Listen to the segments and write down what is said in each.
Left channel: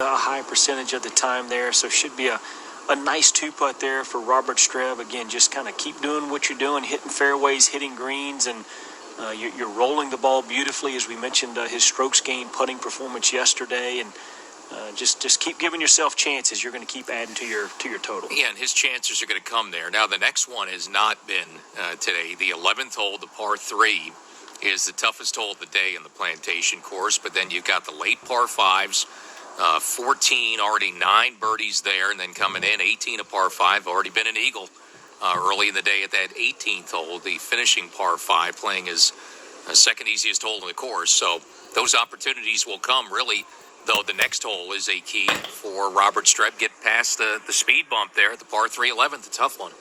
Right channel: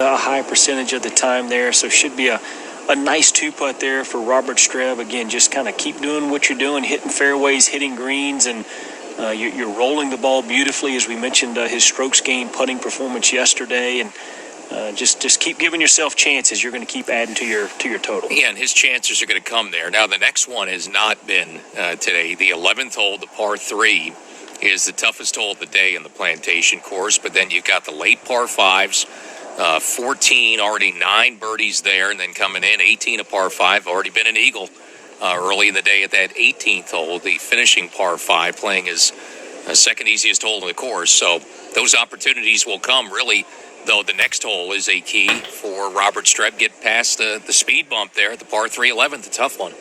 a high percentage of the time there, so should be a nice two-putt there for Robert.Streb. Again, just kind of keep doing what you're doing, hitting fairways, hitting greens, and you're rolling the ball beautifully. As we mentioned, his strokes gained putting performance yesterday, and just keep giving yourself chances. You're going to keep adding to your total. Yeah, and his chances are going to come there. Now, the next one has not been today. The 11th hole, the par 3, is the toughest hole of the day in the Plantation course, but then you've got the late par 5s. 14, already 9 birdies there, and then coming in, 18 a par 5, already been an eagle early in the day at that 18th hole, the finishing par 5, playing his second easiest hole in the course. So those opportunities will come, really, though the next hole is a key for Robert.Streb. Get past the speed bump there at the par 3 11th, a tough one.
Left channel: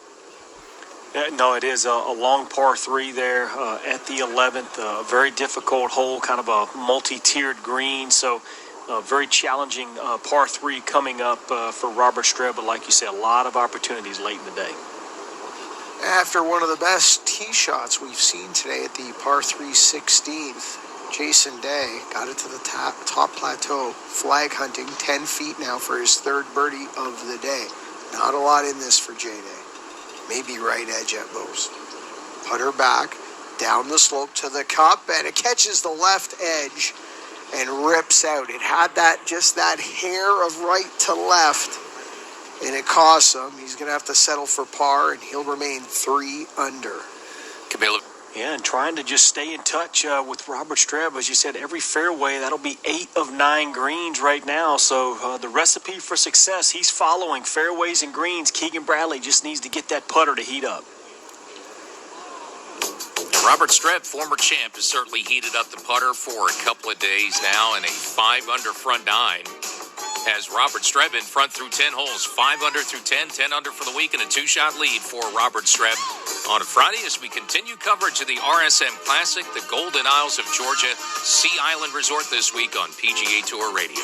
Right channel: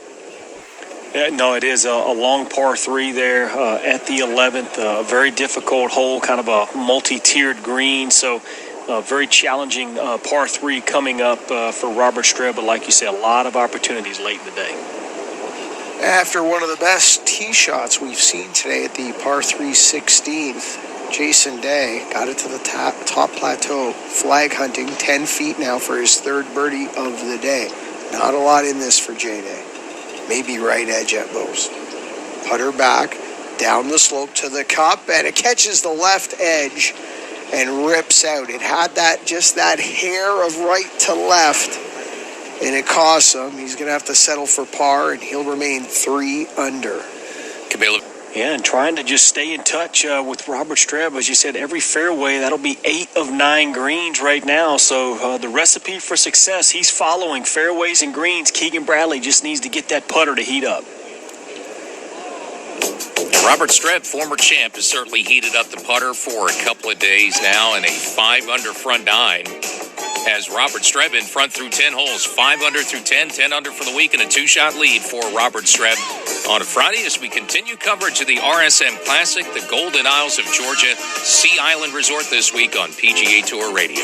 Yeah, no, it is a long par 3 there at the 11th, a very difficult hole, kind of a multi-tiered green, so very challenging par 3 coming up for Robert.Streb, but like you said, a lot of opportunities late in the day. After one of the best tee shots we've seen today at the par 3 16th, Jason Day got it to the top plateau, flag hunting, 10 feet now for his third birdie of the day. Not a lot in this for J-Day. Maybe right edge at most. Putter back, down the slope to the cup, and it catches the left edge and rips out. It had just that hair of right to left, and it costs him. He's going to have to settle for par, and he'll remain 3 under. Camilo. Yeah, and trying to just stay in touch with Robert.Streb. As you said, every fairway, that'll be 8 of 9 greens right now. So the recipe for success, he's following fairways and greens. Keegan Bradley just needs to get that putter to heat up. Robert.Streb, former champ, has certainly heated up the putter for a couple of days now, and a 5 under front 9 has Robert.Streb in front through 10 holes. 5 under through 10, 10 under for the week, and a 2-shot lead for Robert.Streb on a Friday as we continue coverage of the RSM Classic, the Golden Isles of Georgia Sea Island Resort this week on PGA Tour Radio.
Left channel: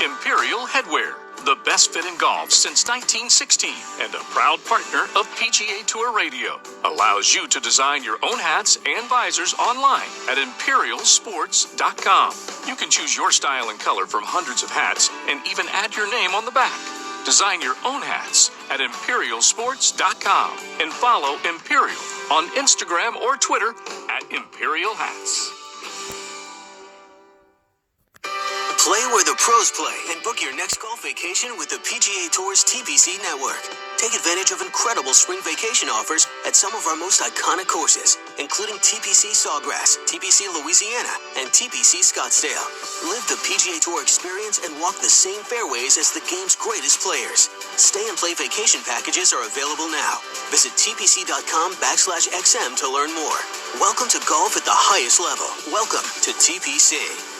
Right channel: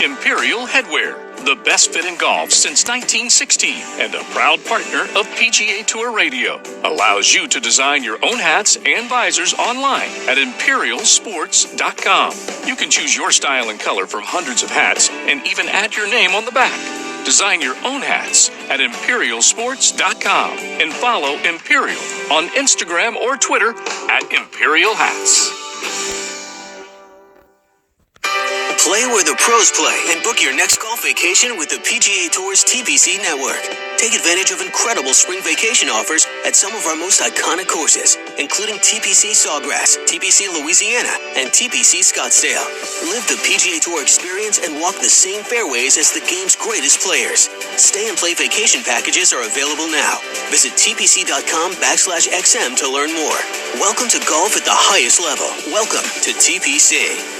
Imperial Headwear, the best fit in golf since 1916 and a proud partner of PGA Tour Radio, allows you to design your own hats and visors online at imperialsports.com. You can choose your style and color from hundreds of hats and even add your name on the back. Design your own hats at imperialsports.com and follow Imperial on Instagram or Twitter at Imperial Hats. Play where the pros play and book your next golf vacation with the PGA Tour's TPC network. Take advantage of incredible spring vacation offers at some of our most iconic courses, including TPC Sawgrass, TPC Louisiana, and TPC Scottsdale. Live the PGA Tour experience and walk the same fairways as the game's greatest players. Stay and play vacation packages are available now. Visit tpc.com/XM to learn more. Welcome to golf at the highest level. Welcome to TPC.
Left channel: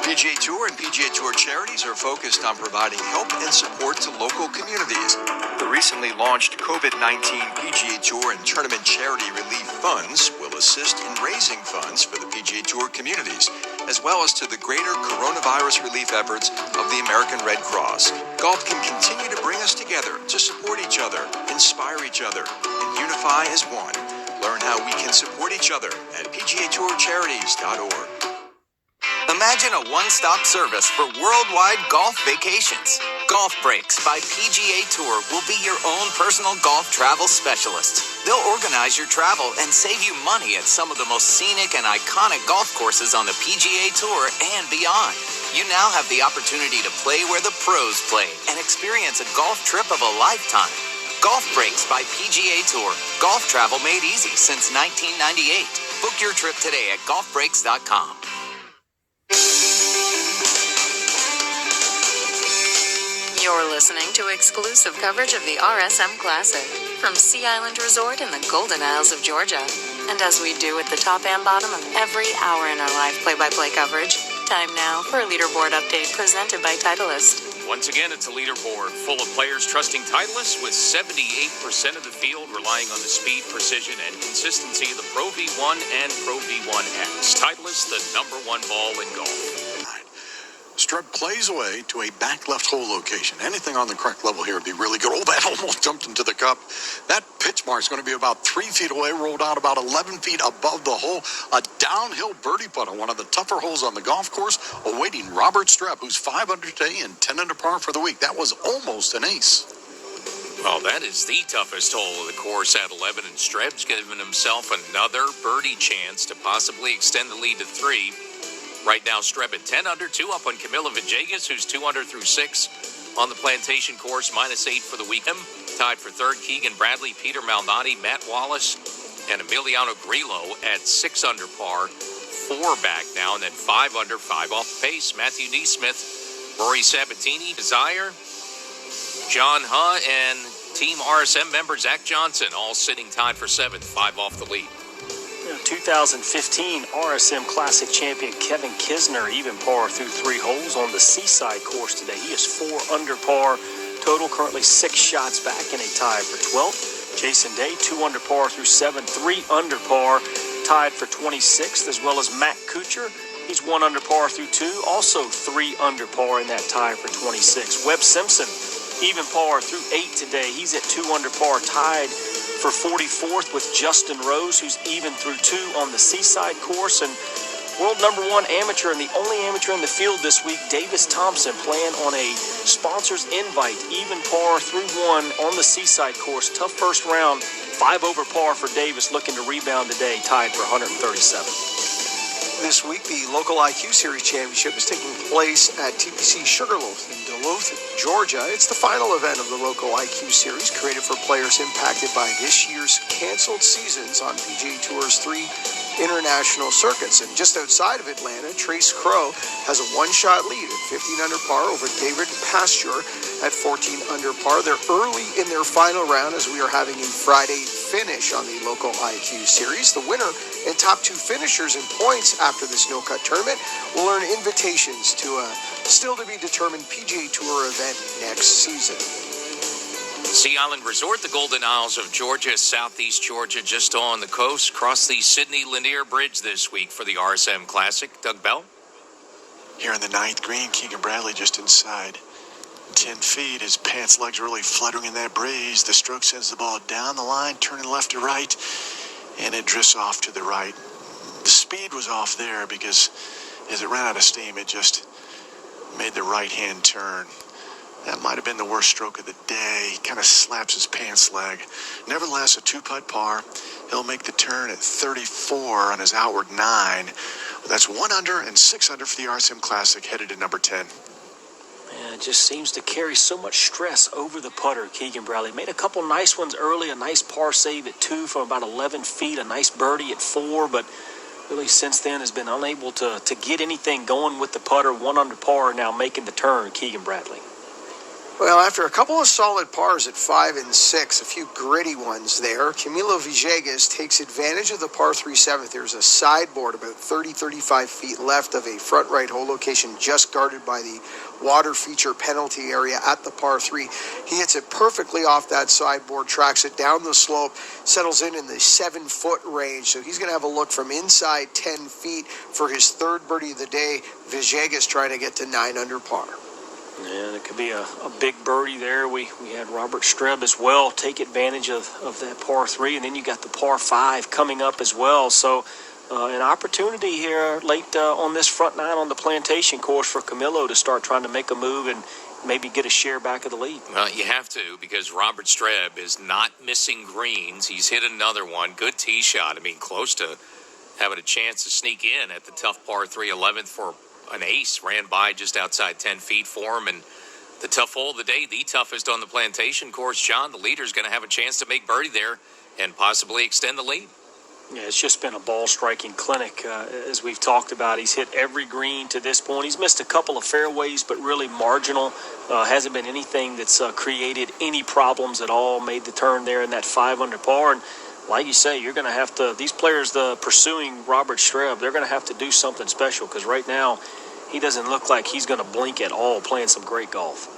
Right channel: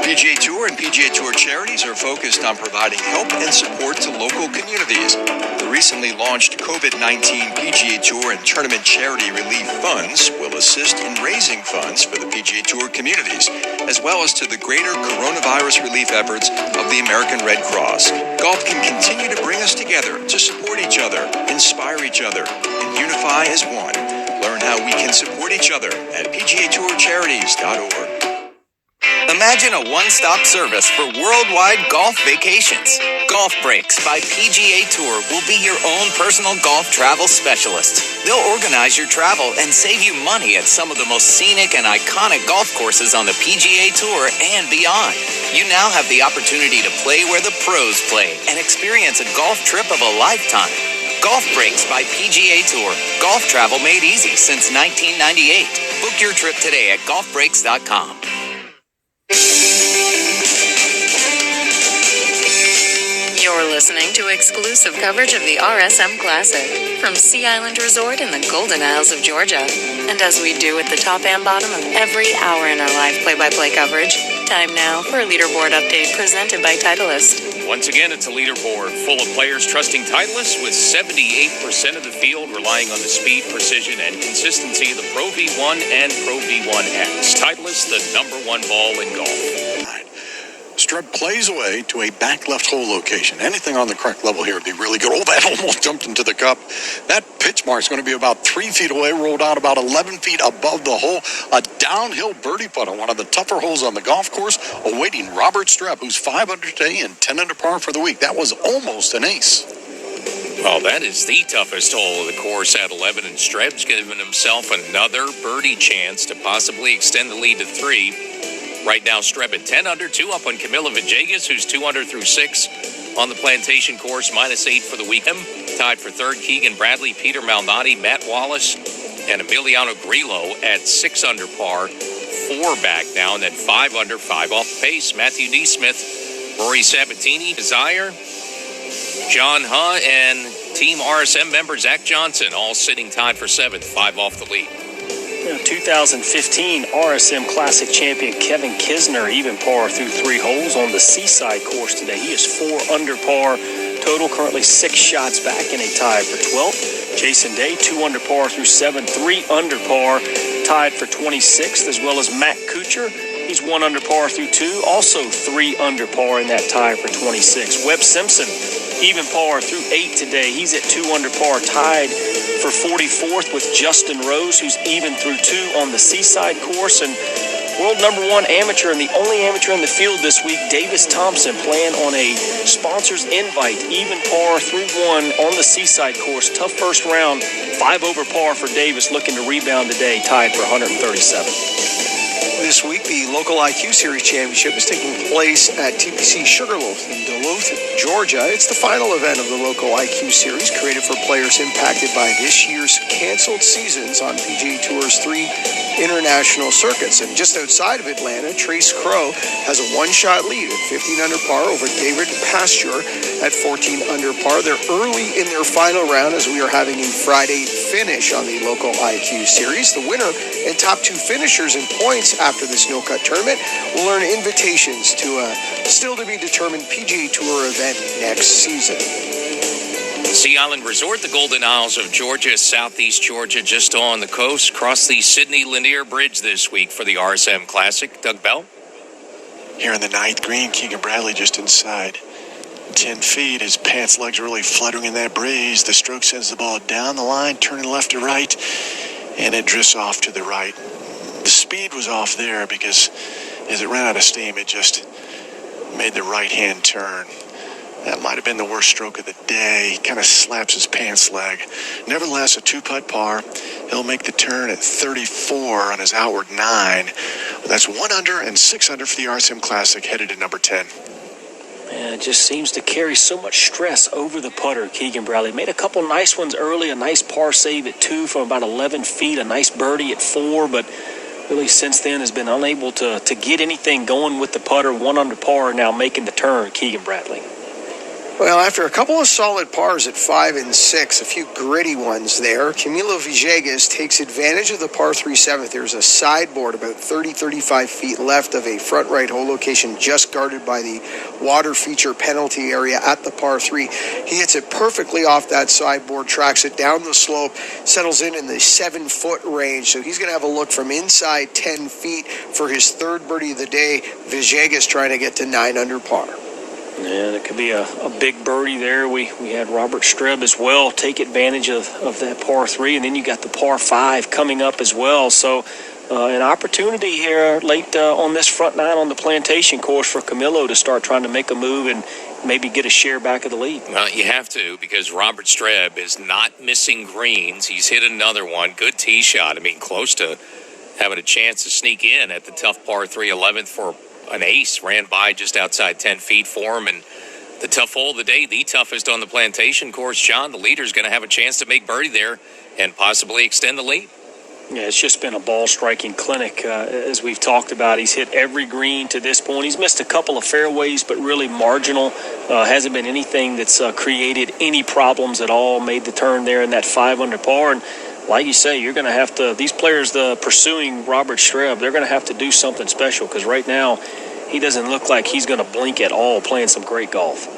PGA Tour and PGA Tour charities are focused on providing help and support to local communities. The recently launched COVID-19 PGA Tour and Tournament Charity Relief Funds will assist in raising funds for the PGA Tour communities, as well as to the greater coronavirus relief efforts of the American Red Cross. Golf can continue to bring us together to support each other, inspire each other, and unify as one. Learn how we can support each other at PGATourCharities.org. Imagine a one-stop service for worldwide golf vacations. Golf Breaks by PGA Tour will be your own personal golf travel specialist. They'll organize your travel and save you money at some of the most scenic and iconic golf courses on the PGA Tour and beyond. You now have the opportunity to play where the pros play and experience a golf trip of a lifetime. Golf Breaks by PGA Tour. Golf travel made easy since 1998. Book your trip today at golfbreaks.com. You're listening to exclusive coverage of the RSM Classic from Sea Island Resort in the Golden Isles of Georgia. And as we do at the top and bottom of every hour in our live play-by-play coverage, time now for a leaderboard update presented by Titleist. Once again, it's a leaderboard full of players trusting Titleist, with 78% of the field relying on the speed, precision, and consistency of the Pro V1 and Pro V1X. Titleist, the #1 ball in golf. Streb plays away to a back left hole location. Anything on the correct level here would be really good. Oh, that almost jumped into the cup. That pitch mark is going to be about 3 feet away, rolled out about 11 feet above the hole. A downhill birdie putt on one of the tougher holes on the golf course, awaiting Robert.Streb, who's 5 under today and 10 under par for the week. That was almost an ace. Well, that is the toughest hole of the course at 11, and Streb's given himself another birdie chance to possibly extend the lead to 3. Right now, Streb at 10 under, 2 up on Camilo Villegas, who's 2 under through 6 on the Plantation course, -8 for the weekend. Tied for third, Keegan Bradley, Peter Malnati, Matt Wallace, and Emiliano Grillo at 6 under par, 4 back now, and then 5 under, 5 off the pace. Matthew D. Smith, Rory Sabatini, Desire, John Huh, and Team RSM member Zach Johnson, all sitting tied for 7th, 5 off the lead. 2015 RSM Classic champion Kevin.Kisner, even par through 3 holes on the Seaside course today. He is 4 under par total, currently 6 shots back in a tie for 12th. Jason Day, 2 under par through 7, 3 under par, tied for 26th, as well as Matt Kuchar. He's 1 under par through 2, also 3 under par in that tie for 26. Webb Simpson, even par through 8 today. He's at 2 under par, tied for 44th with Justin Rose, who's even through 2 on the Seaside course. And world #1 amateur and the only amateur in the field this week, Davis Thompson, playing on a sponsor's invite, even par through 1 on the Seaside course. Tough first round, 5 over par for Davis, looking to rebound today, tied for 137. This week, the local IQ Series Championship is taking place at TPC Sugarloaf in Duluth, Georgia. It's the final event of the local IQ Series, created for players impacted by this year's canceled seasons on PGA Tour's 3 international circuits. And just outside of Atlanta, Trace Crow has a 1-shot lead at 15 under par over David Pasture at 14 under par. They're early in their final round as we are having a Friday finish on the local IQ Series. The winner and top 2 finishers in points after this no-cut tournament will earn invitations to a still-to-be-determined PGA Tour event next season. Sea Island Resort, the Golden Isles of Georgia, southeast Georgia, just on the coast. Cross the Sydney Lanier Bridge this week for the RSM Classic. Doug Bell. Here in the 9th green, Keegan Bradley just inside 10 feet. His pants legs really fluttering in that breeze. The stroke sends the ball down the line, turning left to right, and it drifts off to the right. The speed was off there because as it ran out of steam, it just made the right-hand turn. That might have been the worst stroke of the day. Kind of slaps his pants leg. Nevertheless, a 2-putt par. He'll make the turn at 34 on his outward 9. That's 1 under and 6 under for the RSM Classic, headed to number 10. Man, it just seems to carry so much stress over the putter, Keegan Bradley. Made a couple nice ones early, a nice par save at 2 from about 11 feet, a nice birdie at 4, but really since then has been unable to get anything going with the putter. 1 under par now making the turn, Keegan Bradley. Well, after a couple of solid pars at 5 and 6, a few gritty ones there, Camilo Villegas takes advantage of the par 3 7th. There's a sideboard about 35 feet left of a front right hole location just guarded by the water feature penalty area at the par 3. He hits it perfectly off that sideboard, tracks it down the slope, settles in the 7-foot range. So he's going to have a look from inside 10 feet for his 3rd birdie of the day. Villegas trying to get to 9 under par. And it could be a big birdie there. We had Robert.Streb as well take advantage of that par 3, and then you got the par 5 coming up as well. So an opportunity here late on this front 9 on the Plantation course for Camilo to start trying to make a move and maybe get a share back of the lead. Well, you have to, because Robert.Streb is not missing greens. He's hit another one. Good tee shot. I mean, close to having a chance to sneak in at the tough par 3 11th for an ace. Ran by just outside 10 feet for him. And the tough hole of the day, the toughest on the Plantation course, John, the leader's going to have a chance to make birdie there and possibly extend the lead. Yeah, it's just been a ball-striking clinic, as we've talked about. He's hit every green to this point. He's missed a couple of fairways, but really marginal. Hasn't been anything that's created any problems at all. Made the turn there in that 5 under par. And like you say, you're going to have to, these players pursuing Robert.Streb, they're going to have to do something special, because right now he doesn't look like he's going to blink at all, playing some great golf.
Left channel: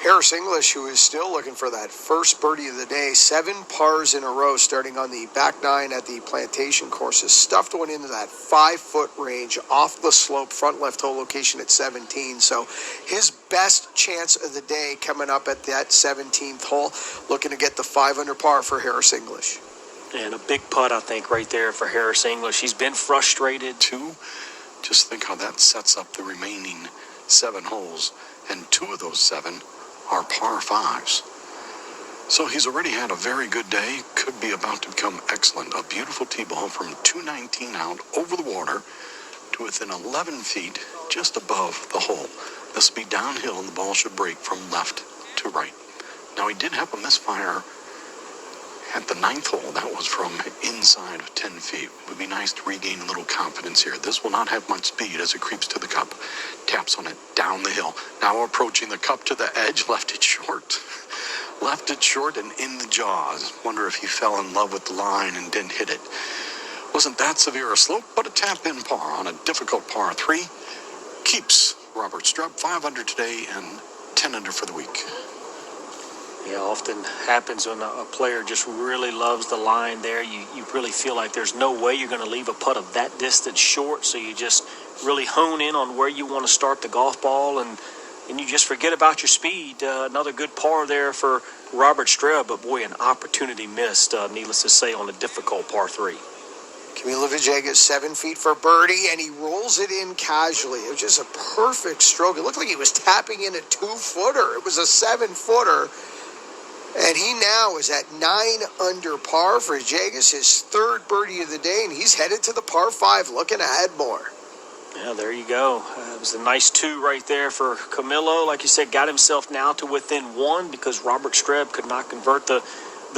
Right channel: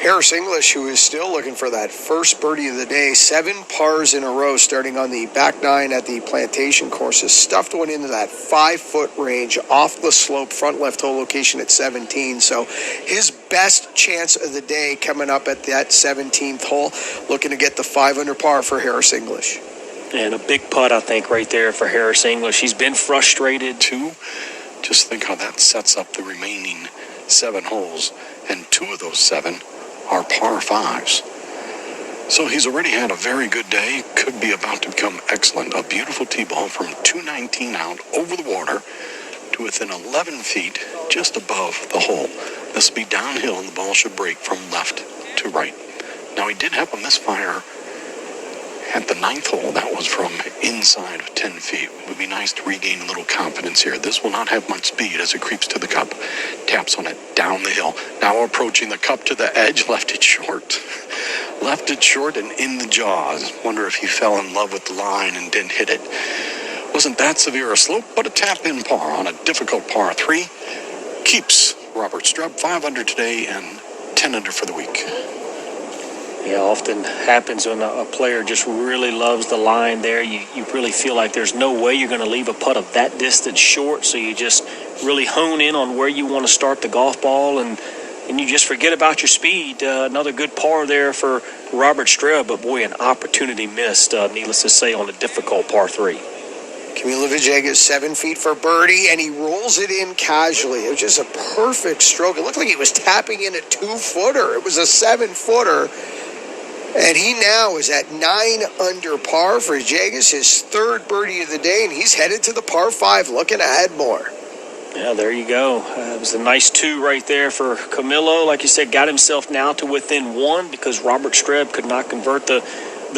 Harris English, who is still looking for that first birdie of the day, 7 pars in a row starting on the back 9 at the Plantation course, has stuffed one into that 5-foot range off the slope, front left hole location at 17. So his best chance of the day coming up at that 17th hole, looking to get the 5 under par for Harris English. And a big putt, I think, right there for Harris English. He's been frustrated. Just think how that sets up the remaining 7 holes, and 2 of those 7 are par 5s. So he's already had a very good day, could be about to become excellent. A beautiful tee ball from 219 out over the water to within 11 feet just above the hole. This will be downhill and the ball should break from left to right. Now he did have a misfire at the 9th hole. That was from inside of 10 feet. It would be nice to regain a little confidence here. This will not have much speed as it creeps to the cup. Taps on it down the hill. Now approaching the cup to the edge. Left it short. Left it short and in the jaws. Wonder if he fell in love with the line and didn't hit it. Wasn't that severe a slope, but a tap-in par on a difficult par 3. Keeps Robert.Streb 5 under today and 10 under for the week. Yeah, often happens when a player just really loves the line there. You really feel like there's no way you're going to leave a putt of that distance short, so you just really hone in on where you want to start the golf ball, and you just forget about your speed. Another good par there for Robert.Streb, but boy, an opportunity missed, needless to say, on a difficult par 3. Camilo Villegas 7 feet for birdie, and he rolls it in casually. It was just a perfect stroke. It looked like he was tapping in a 2-footer. It was a 7-footer. And he now is at 9 under par for Villegas, his 3rd birdie of the day, and he's headed to the par 5, looking to add more. Yeah, there you go. It was a nice 2 right there for Camilo. Like you said, got himself now to within 1 because Robert.Streb could not convert the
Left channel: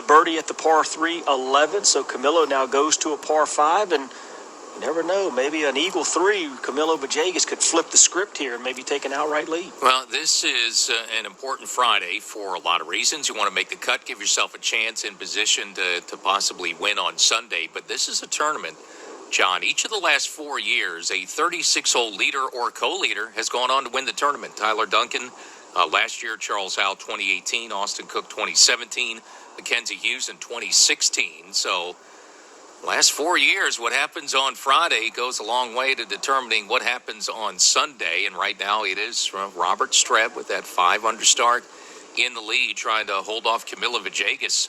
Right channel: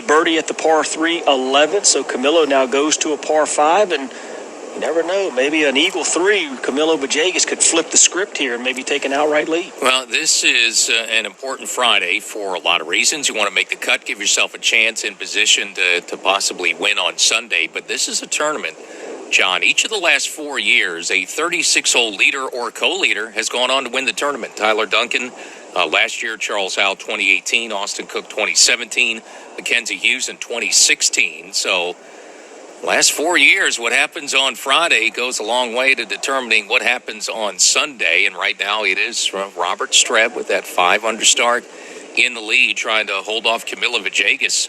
birdie at the par 3 11. So Camilo now goes to a par 5, and you never know. Maybe an eagle 3, Camilo Villegas could flip the script here and maybe take an outright lead. Well, this is an important Friday for a lot of reasons. You want to make the cut, give yourself a chance in position to possibly win on Sunday. But this is a tournament, John. Each of the last 4 years, a 36-hole leader or co-leader has gone on to win the tournament. Tyler Duncan last year, Charles Howell 2018, Austin Cook 2017, Mackenzie Hughes in 2016. So last 4 years, what happens on Friday goes a long way to determining what happens on Sunday. And right now it is Robert.Streb with that 5 under start in the lead, trying to hold off Camilo Villegas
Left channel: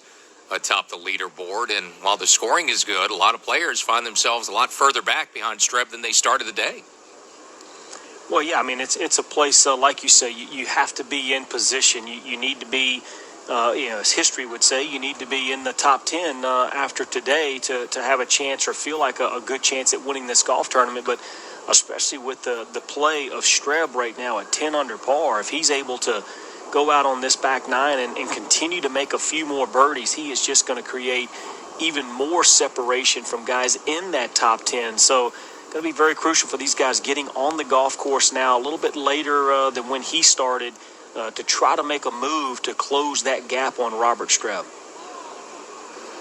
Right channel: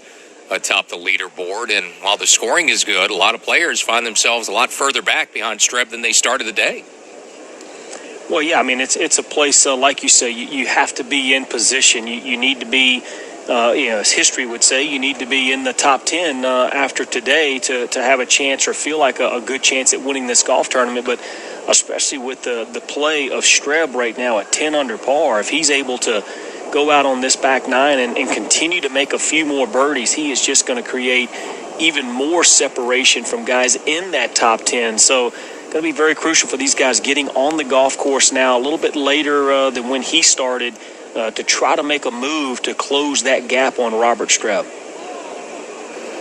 atop the leaderboard. And while the scoring is good, a lot of players find themselves a lot further back behind Streb than they started the day. Well, yeah, I mean, it's a place, like you say, you have to be in position. You need to be, as history would say, you need to be in the top 10 after today to have a chance or feel like a good chance at winning this golf tournament. But especially with the play of Streb right now at 10 under par, if he's able to go out on this back 9 and continue to make a few more birdies, he is just going to create even more separation from guys in that top 10. So going to be very crucial for these guys getting on the golf course now a little bit later than when he started to try to make a move to close that gap on Robert.Streb.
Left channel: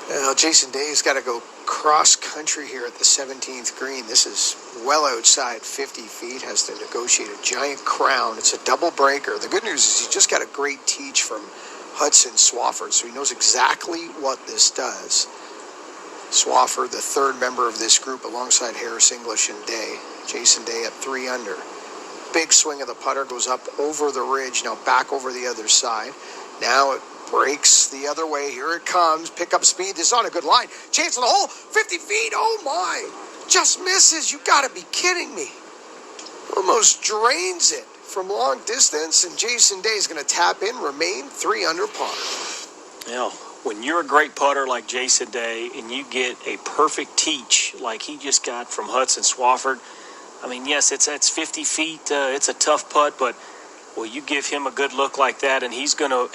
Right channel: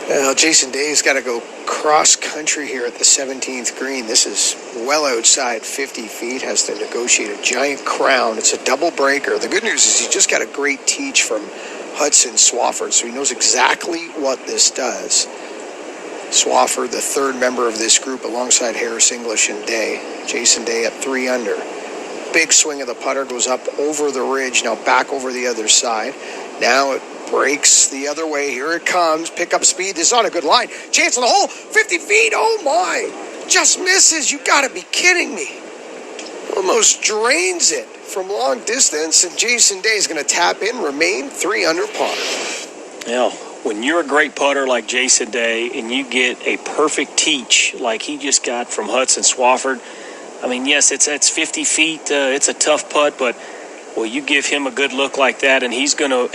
Well, Jason Day's got to go cross country here at the 17th green. This is well outside 50 feet, has to negotiate a giant crown. It's a double breaker. The good news is he just got a great teach from Hudson Swafford, so he knows exactly what this does. Swafford, the 3rd member of this group, alongside Harris English and Day. Jason Day at 3 under. Big swing of the putter, goes up over the ridge, now back over the other side. Now it breaks the other way. Here it comes. Pick up speed. This is on a good line. Chance on the hole. 50 feet. Oh, my. Just misses. You got to be kidding me. Almost drains it from long distance, and Jason Day is going to tap in, remain 3 under par. Yeah. When you're a great putter like Jason Day and you get a perfect teach like he just got from Hudson Swafford, I mean, yes, it's 50 feet. It's a tough putt, but well, you give him a good look like that, and he's gonna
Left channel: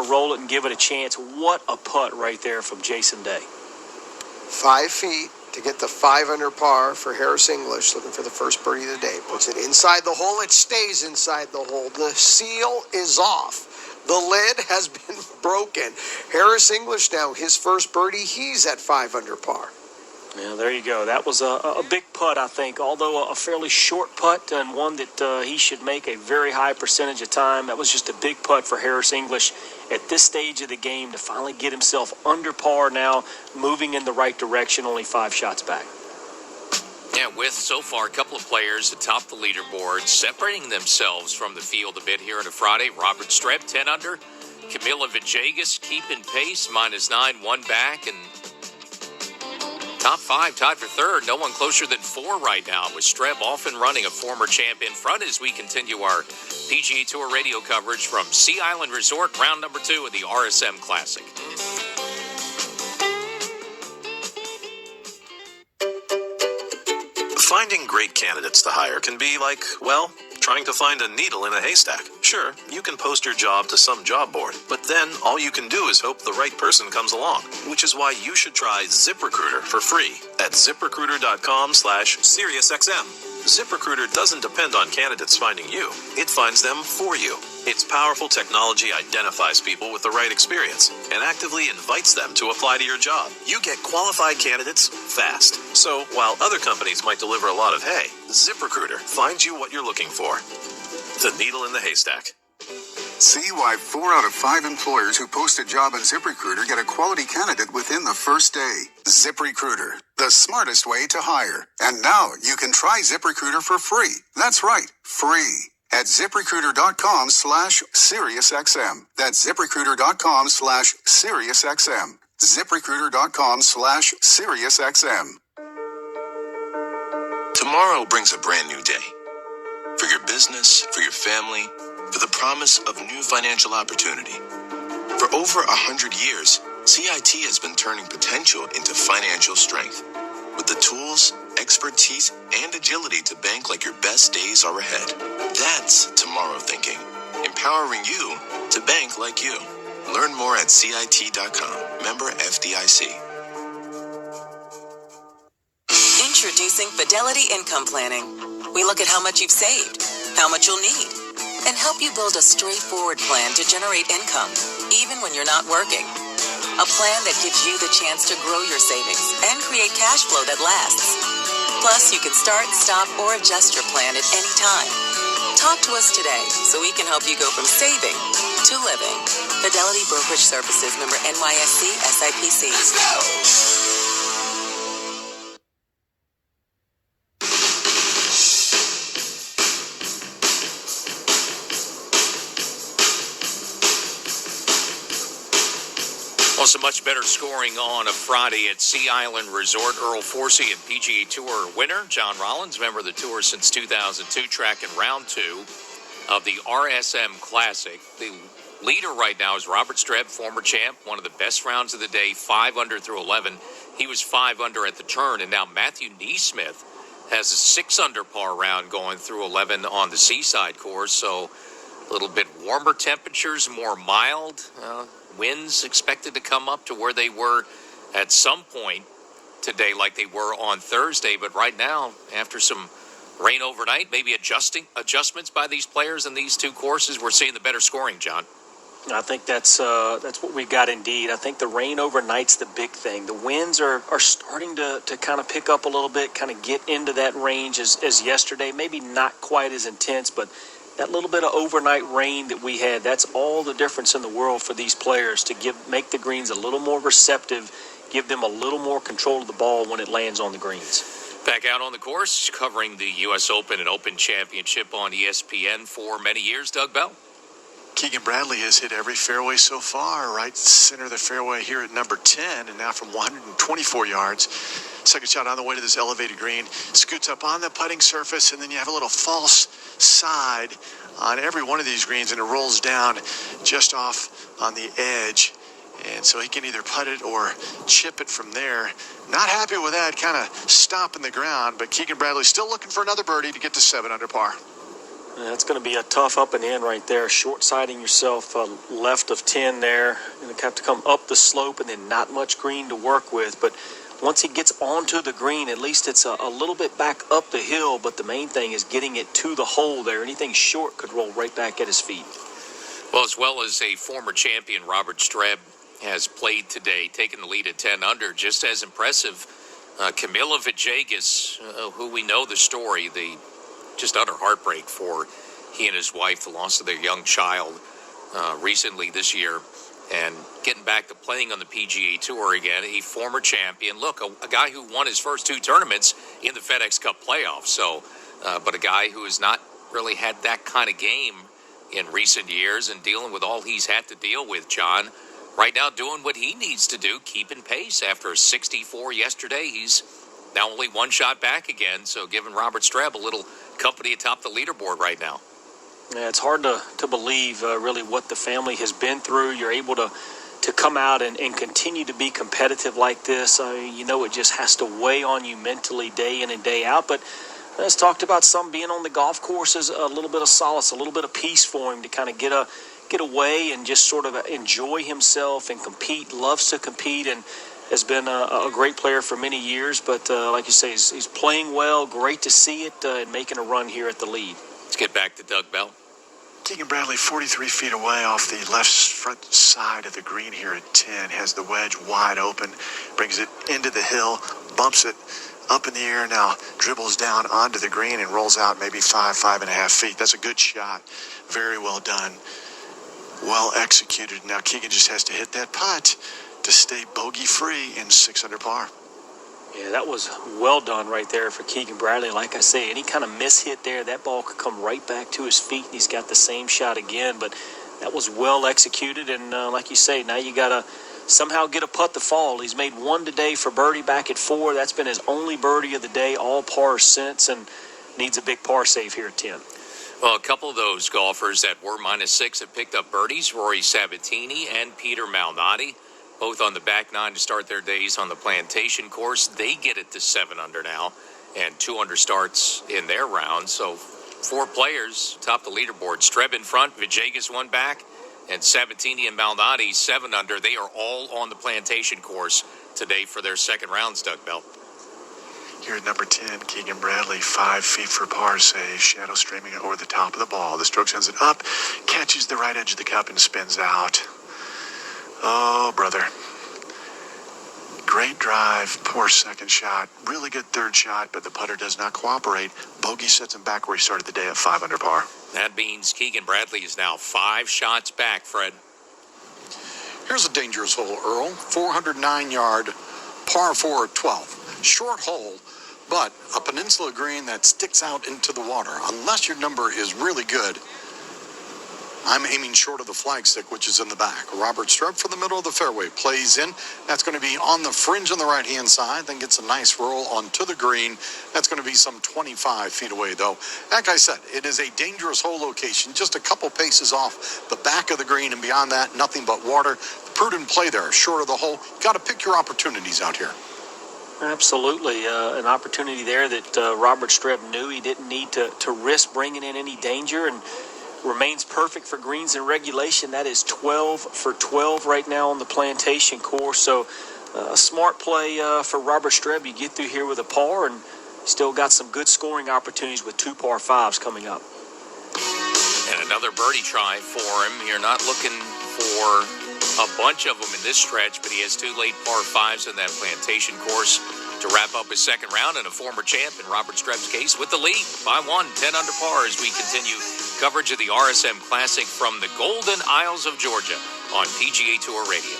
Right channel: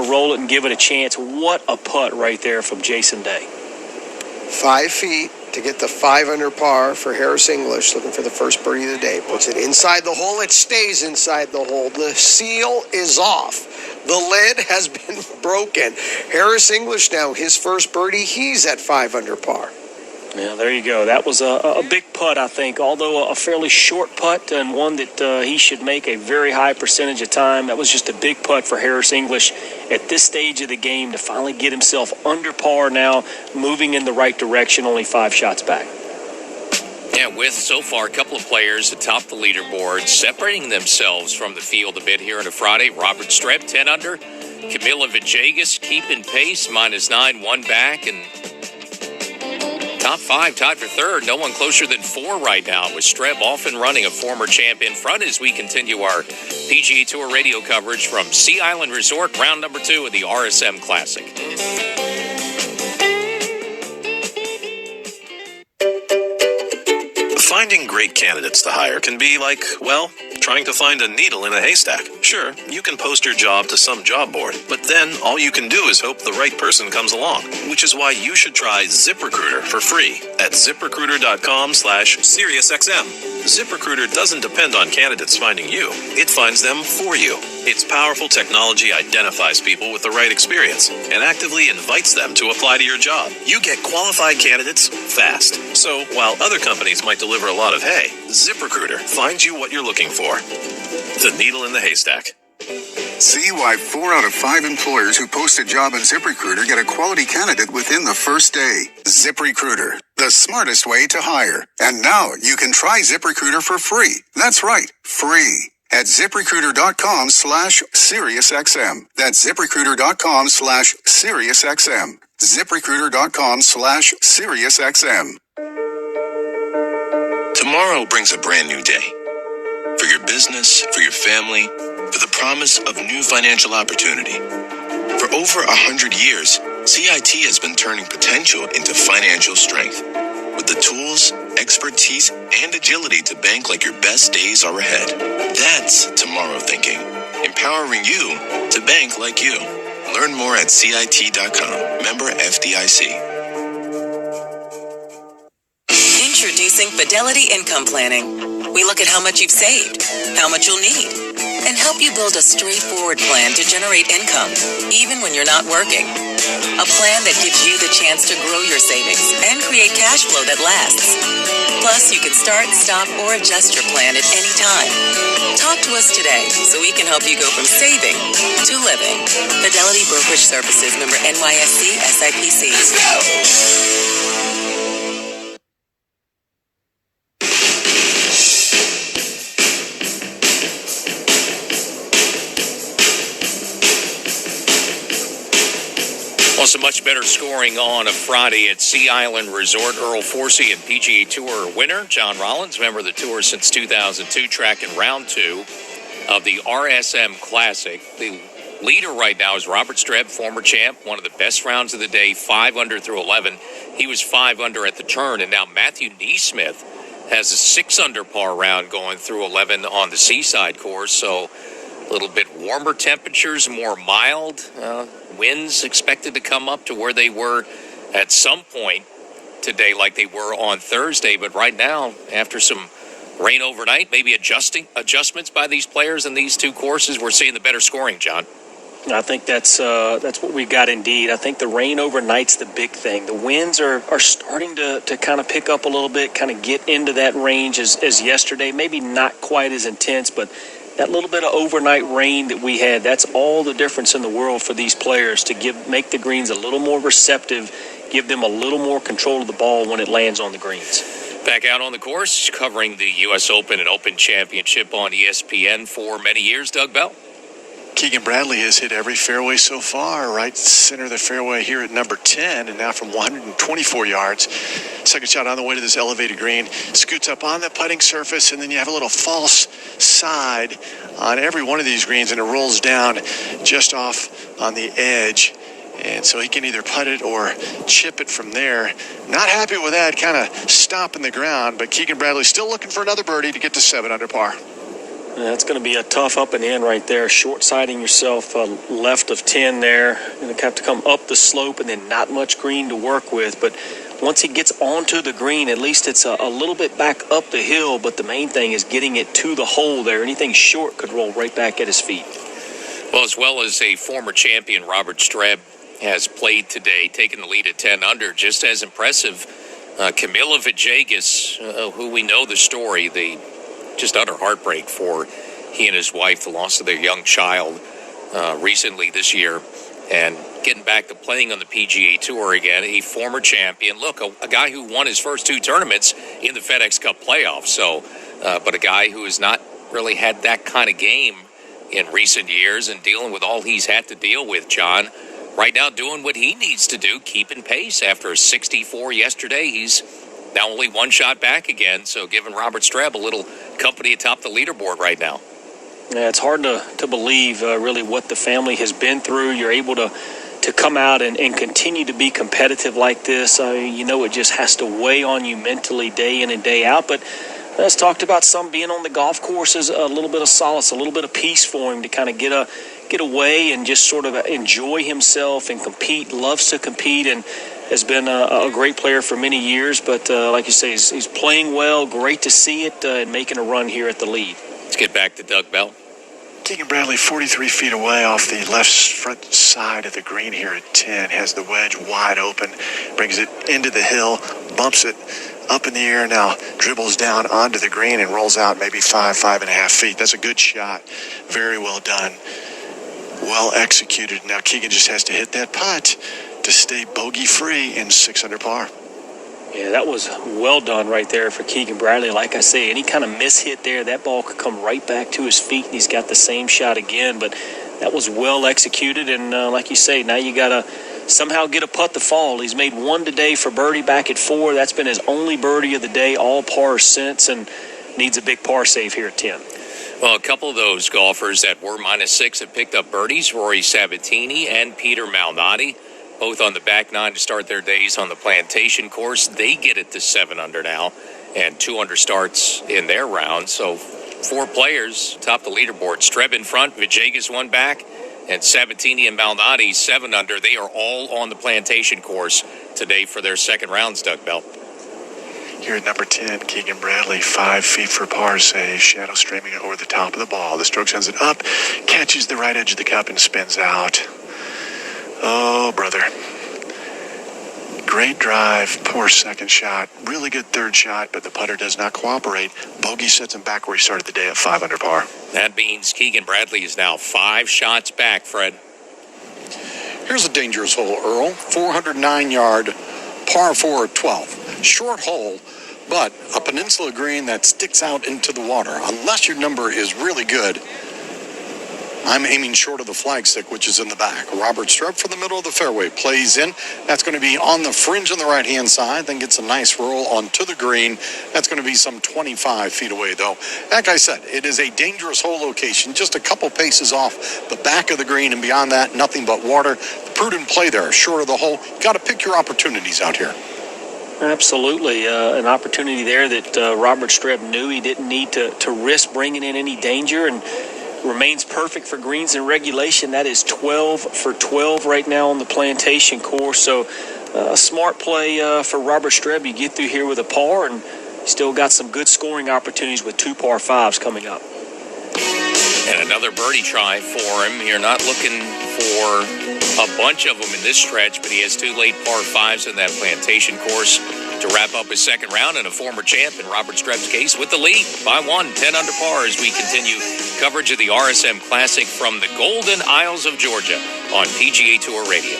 roll it and give it a chance. What a putt right there from Jason Day. 5 feet to get the 5 under par for Harris English, looking for the first birdie of the day. Puts it inside the hole. It stays inside the hole. The seal is off. The lid has been broken. Harris English now, his first birdie, he's at 5 under par. Yeah, there you go. That was a big putt, I think, although a fairly short putt and one that he should make a very high percentage of time. That was just a big putt for Harris English at this stage of the game to finally get himself under par now, moving in the right direction, only 5 shots back. Yeah, with so far a couple of players atop the leaderboard separating themselves from the field a bit here on a Friday. Robert.Streb, 10 under. Camila Villegas keeping pace, -9, 1 back, and top 5 tied for third. No one closer than 4 right now, with Streb off and running, a former champ in front as we continue our PGA Tour radio coverage from Sea Island Resort, round number 2 of the RSM Classic. Finding great candidates to hire can be like, well, trying to find a needle in a haystack. Sure, you can post your job to some job board, but then all you can do is hope the right person comes along, which is why you should try ZipRecruiter for free at ZipRecruiter.com/SiriusXM. ZipRecruiter doesn't depend on candidates finding you. It finds them for you. Its powerful technology identifies people with the right experience and actively invites them to apply to your job. You get qualified candidates fast. So while other companies might deliver a lot of hay, ZipRecruiter finds you what you're looking for. The needle in the haystack. See why 4 out of 5 employers who post a job on ZipRecruiter get a quality candidate within the first day. ZipRecruiter, the smartest way to hire. And now you can try ZipRecruiter for free. That's right, free. At ZipRecruiter.com/SiriusXM. That's ZipRecruiter.com/SiriusXM. ZipRecruiter.com/SiriusXM. Tomorrow brings a brand new day. For your business, for your family, for the promise of new financial opportunity. For over 100 years, CIT has been turning potential into financial strength. With the tools, expertise, and agility to bank like your best days are ahead. That's tomorrow thinking. Empowering you to bank like you. Learn more at CIT.com. Member FDIC. Introducing Fidelity Income Planning. We look at how much you've saved, how much you'll need, and help you build a straightforward plan to generate income, even when you're not working. A plan that gives you the chance to grow your savings and create cash flow that lasts. Plus, you can start, stop, or adjust your plan at any time. Talk to us today so we can help you go from saving to living. Fidelity Brokerage Services, member NYSE SIPC. Let's go! Well, some much better scoring on a Friday at Sea Island Resort. Earl Forsey and PGA Tour winner. John Rollins, member of the Tour since 2002, tracking round 2 of the RSM Classic. The leader right now is Robert.Streb, former champ, one of the best rounds of the day, 5 under through 11. He was 5 under at the turn, and now Matthew Neesmith has a 6 under par round going through 11 on the Seaside course, so a little bit warmer temperatures, more mild. Winds expected to come up to where they were at some point today, like they were on Thursday. But right now, after some rain overnight, maybe adjustments by these players in these 2 courses, we're seeing the better scoring, John. I think that's what we got indeed. I think the rain overnight's the big thing. The winds are starting to kind of pick up a little bit, kind of get into that range as yesterday. Maybe not quite as intense, but that little bit of overnight rain that we had, that's all the difference in the world for these players to make the greens a little more receptive, give them a little more control of the ball when it lands on the greens. Back out on the course, covering the U.S. Open and Open Championship on ESPN for many years, Doug Bell. Keegan Bradley has hit every fairway so far, right center of the fairway here at number 10, and now from 124 yards. Second shot on the way to this elevated green. Scoots up on the putting surface, and then you have a little false side on every one of these greens, and it rolls down just off on the edge. And so he can either putt it or chip it from there. Not happy with that, kind of stomping the ground, but Keegan Bradley still looking for another birdie to get to 7 under par. That's going to be a tough up and in right there. Short-siding yourself left of 10 there. You're going to have to come up the slope and then not much green to work with. But once he gets onto the green, at least it's a little bit back up the hill. But the main thing is getting it to the hole there. Anything short could roll right back at his feet. Well, as well as a former champion, Robert.Streb has played today, taking the lead at 10 under. Just as impressive Camila Villegas, who we know the story, the just utter heartbreak for he and his wife, the loss of their young child recently this year, and getting back to playing on the PGA Tour again, a former champion. Look, a guy who won his first 2 tournaments in the FedEx Cup playoffs. So, but a guy who has not really had that kind of game in recent years and dealing with all he's had to deal with, John. Right now doing what he needs to do, keeping pace. After a 64 yesterday, he's now only 1 shot back again. So giving Robert.Streb a little company atop the leaderboard right now. Yeah, it's hard to believe really what the family has been through. You're able to come out and continue to be competitive like this. I mean, you know, it just has to weigh on you mentally day in and day out. But as talked about, some being on the golf course is a little bit of solace, a little bit of peace for him to kind of get away and just sort of enjoy himself and compete. Loves to compete and has been a great player for many years. But like you say, he's playing well. Great to see it and making a run here at the lead. Let's get back to Doug Bell. Keegan Bradley 43 feet away off the left front side of the green here at 10. Has the wedge wide open, brings it into the hill, bumps it up in the air now, dribbles down onto the green and rolls out maybe 5.5 feet. That's a good shot. Very well done. Well executed. Now Keegan just has to hit that putt to stay bogey free in 6 under par. Yeah, that was well done right there for Keegan Bradley. Like I say, any kind of mishit there, that ball could come right back to his feet, and he's got the same shot again. But that was well executed, and like you say, now you got to somehow get a putt to fall. He's made 1 today for birdie back at 4. That's been his only birdie of the day, all pars since, and needs a big par save here at 10. Well, a couple of those golfers that were -6 have picked up birdies, Rory Sabatini and Peter Malnati, both on the back 9 to start their days on the Plantation course. They get it to 7 under now, and 2 under starts in their round. So 4 players top the leaderboard. Streb in front, Villegas 1 back, and Sabatini and Malnati 7 under. They are all on the Plantation course today for their second rounds, Doug Bell. Here at number 10, Keegan Bradley, 5 feet for par save. Shadow streaming over the top of the ball. The stroke sends it up, catches the right edge of the cup and spins out. Oh, brother. Great drive, poor second shot. Really good third shot, but the putter does not cooperate. Bogey sets him back where he started the day at 5 under par. That means Keegan Bradley is now 5 shots back, Fred. Here's a dangerous hole, Earl. 409-yard, par 4 at 12. Short hole, but a peninsula green that sticks out into the water. Unless your number is really good, I'm aiming short of the flagstick, which is in the back. Robert.Streb from the middle of the fairway plays in. That's going to be on the fringe on the right-hand side, then gets a nice roll onto the green. That's going to be some 25 feet away, though. Like I said, it is a dangerous hole location, just a couple paces off the back of the green, and beyond that, nothing but water. Prudent play there, short of the hole. Got to pick your opportunities out here. Absolutely. An opportunity there that Robert.Streb knew he didn't need to risk bringing in any danger, and remains perfect for greens in regulation. That is 12 for 12 right now on the Plantation course. So a smart play for Robert.Streb. You get through here with a par, and still got some good scoring opportunities with 2 par 5s coming up. And another birdie try for him. You're not looking for a bunch of them in this stretch, but he has 2 late par 5s in that Plantation course to wrap up his second round, and a former champ in Robert.Streb's case with the lead by 1, 10 under par, as we continue coverage of the RSM Classic from the Golden Isles of Georgia on PGA Tour Radio.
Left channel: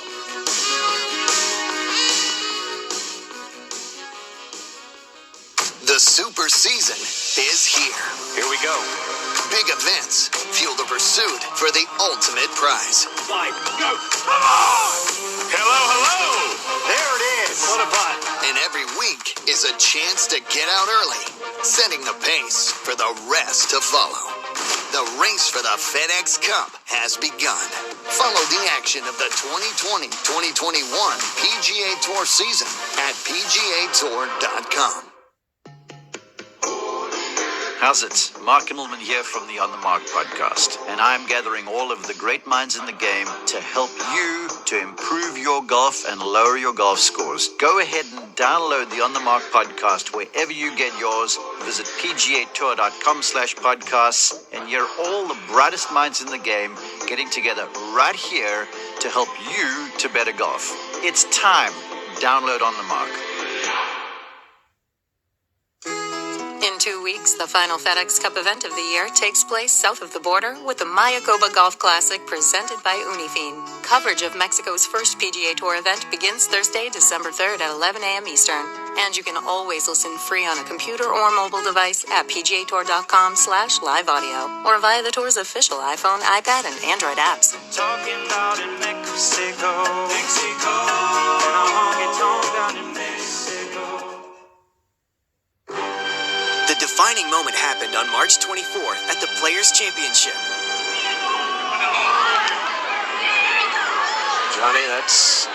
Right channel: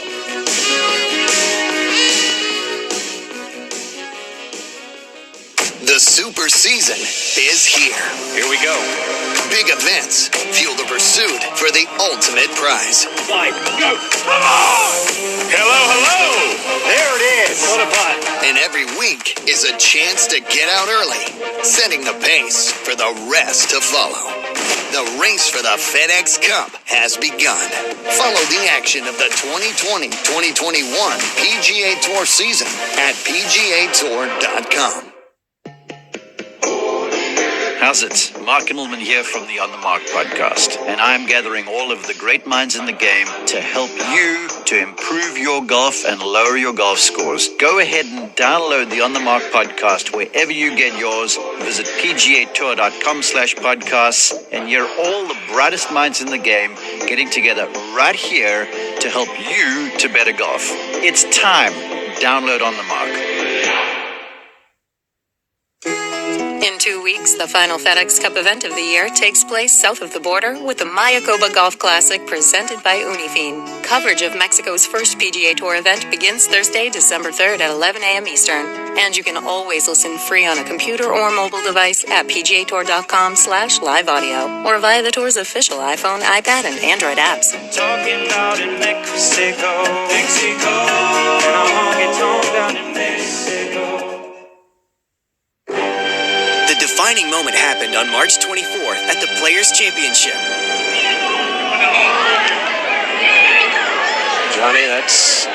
The super season is here. Here we go. Big events fuel the pursuit for the ultimate prize. 5, go! Come on! Hello, hello! There it is. What a putt. And every week is a chance to get out early, setting the pace for the rest to follow. The race for the FedEx Cup has begun. Follow the action of the 2020-2021 PGA Tour season at PGAtour.com. How's it? Mark Immelman here from the On the Mark podcast, and I'm gathering all of the great minds in the game to help you to improve your golf and lower your golf scores. Go ahead and download the On the Mark podcast wherever you get yours. Visit PGAtour.com/podcasts and hear all the brightest minds in the game getting together right here to help you to better golf. It's time. Download On the Mark. In 2 weeks, the final FedEx Cup event of the year takes place south of the border with the Mayakoba Golf Classic presented by Unifin. Coverage of Mexico's first PGA Tour event begins Thursday, December 3rd at 11 a.m. Eastern. And you can always listen free on a computer or mobile device at pgatour.com/live audio or via the tour's official iPhone, iPad, and Android apps. Talking about in Mexico, and a honky-tonk down in Mexico. The defining moment happened on March 24th at the Players' Championship. Johnny, that's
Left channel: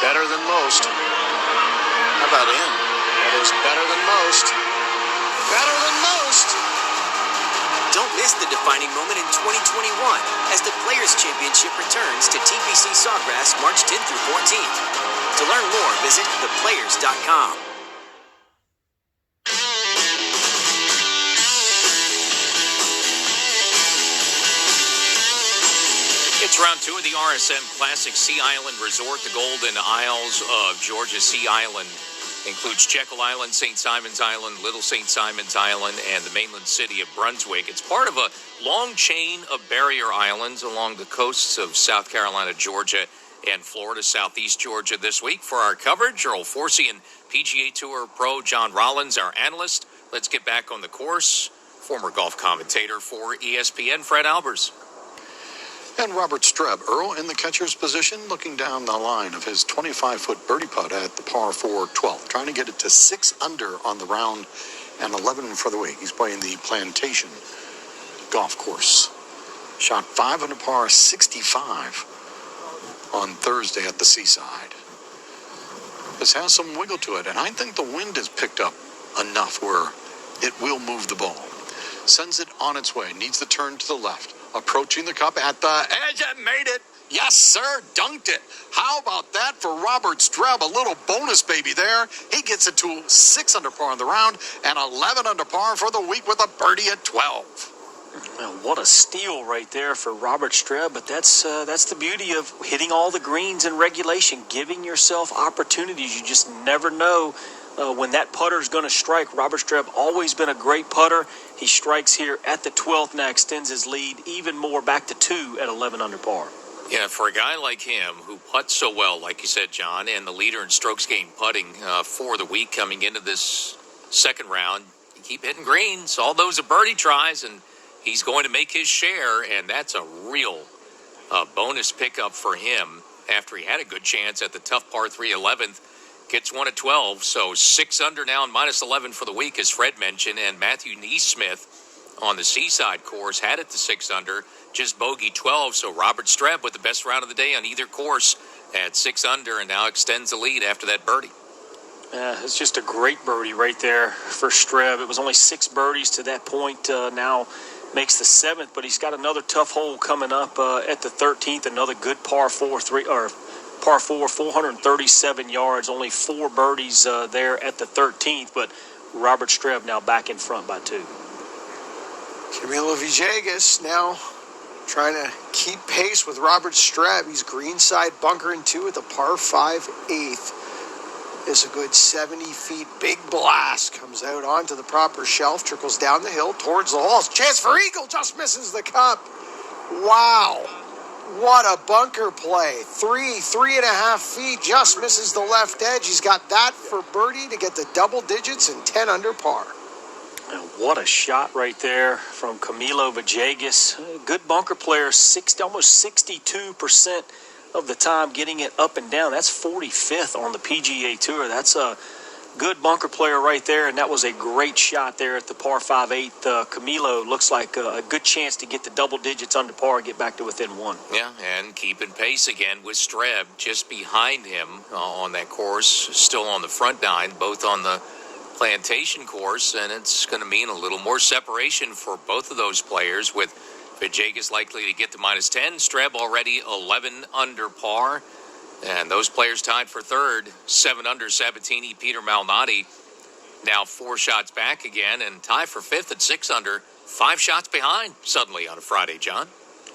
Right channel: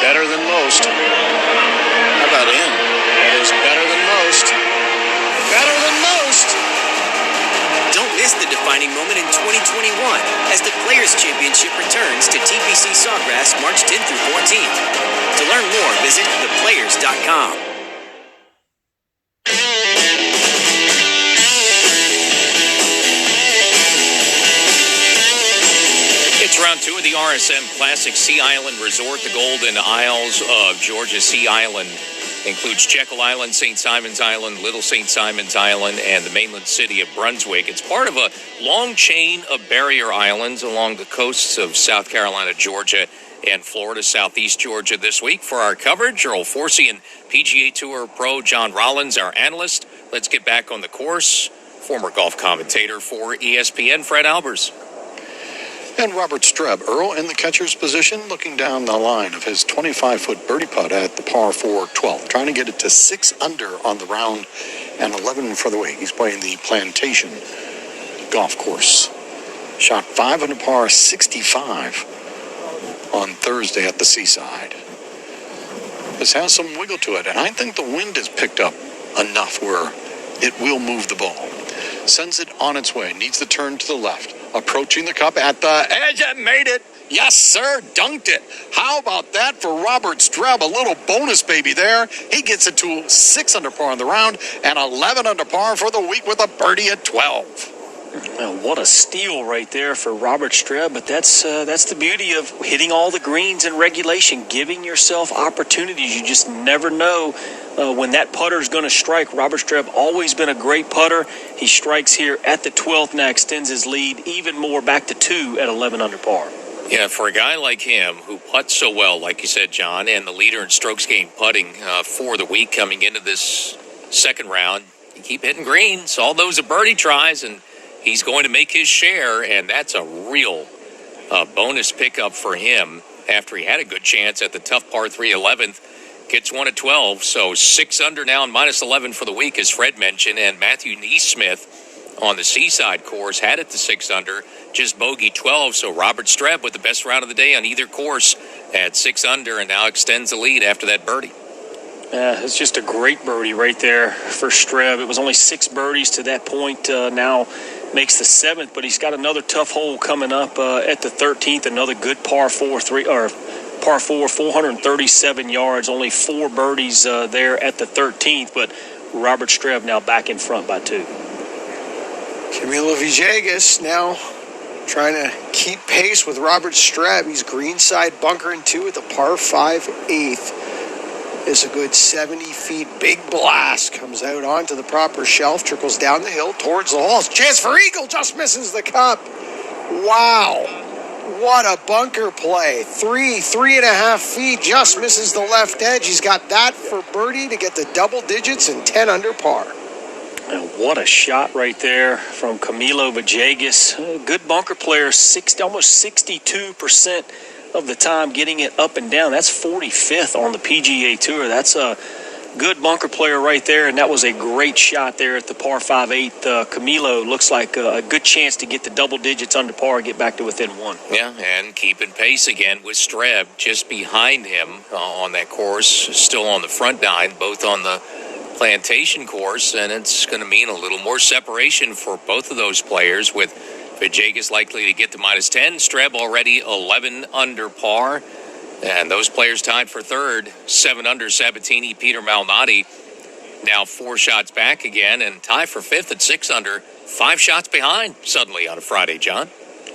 better than most. How about him? That is better than most. Better than most. Don't miss the defining moment in 2021 as the Players' Championship returns to TPC Sawgrass March 10th through 14th. To learn more, visit theplayers.com. It's round 2 of the RSM Classic Sea Island Resort. The Golden Isles of Georgia Sea Island includes Jekyll Island, St. Simon's Island, Little St. Simon's Island, and the mainland city of Brunswick. It's part of a long chain of barrier islands along the coasts of South Carolina, Georgia, and Florida, Southeast Georgia. This week for our coverage, Earl Forsey and PGA Tour pro John Rollins, our analyst. Let's get back on the course. Former golf commentator for ESPN, Fred Albers. And Robert.Streb, Earl in the catcher's position, looking down the line of his 25-foot birdie putt at the par 4 12, trying to get it to 6 under on the round and 11 for the week. He's playing the Plantation golf course. Shot 5 under par 65 on Thursday at the Seaside. This has some wiggle to it, and I think the wind has picked up enough where it will move the ball. Sends it on its way, needs the turn to the left. Approaching the cup at the edge and made it. Yes, sir, dunked it. How about that for Robert.Streb? A little bonus baby there. He gets it to 6 under par on the round and 11 under par for the week with a birdie at 12. Well, what a steal right there for Robert.Streb, but that's the beauty of hitting all the greens in regulation, giving yourself opportunities. You just never know when that putter is going to strike. Robert.Streb always been a great putter. He strikes here at the 12th, now extends his lead even more back to 2 at 11 under par. Yeah, for a guy like him who putts so well, like you said, John, and the leader in strokes gained putting for the week coming into this second round, you keep hitting greens. All those are birdie tries, and he's going to make his share, and that's a real bonus pickup for him after he had a good chance at the tough par 3 11th. Gets one at 12, so 6 under now and minus 11 for the week, as Fred mentioned. And Matthew Neesmith on the Seaside course had it to 6 under, just bogey 12. So Robert.Streb with the best round of the day on either course at 6 under and now extends the lead after that birdie. It's just a great birdie right there for Streb. It was only 6 birdies to that point. Now makes the 7th, but he's got another tough hole coming up at the 13th. Another good par 4, 437 yards. Only 4 birdies there at the 13th, but Robert.Streb now back in front by 2. Camilo Villegas now trying to keep pace with Robert.Streb. He's greenside bunkering 2 at the par 5 8th. Is a good 70 feet. Big blast comes out onto the proper shelf, trickles down the hill towards the holes. Chance for eagle, just misses the cup. Wow. What a bunker play. 3.5 feet, just misses the left edge. He's got that for birdie to get the double digits and 10 under par. And what a shot right there from Camilo Villegas. Good bunker player, almost 62% of the time getting it up and down. That's 45th on the PGA Tour. That's a good bunker player right there, and that was a great shot there at the par 5/8. Camilo looks like a good chance to get the double digits under par and get back to within 1. Yeah, and keeping pace again with Streb just behind him on that course, still on the front 9, both on the Plantation course, and it's going to mean a little more separation for both of those players, with Villegas likely to get to minus 10. Streb already 11 under par. And those players tied for third, 7 under Sabatini, Peter Malnati, now 4 shots back again, and tie for 5th at 6 under, 5 shots behind suddenly on a Friday, John.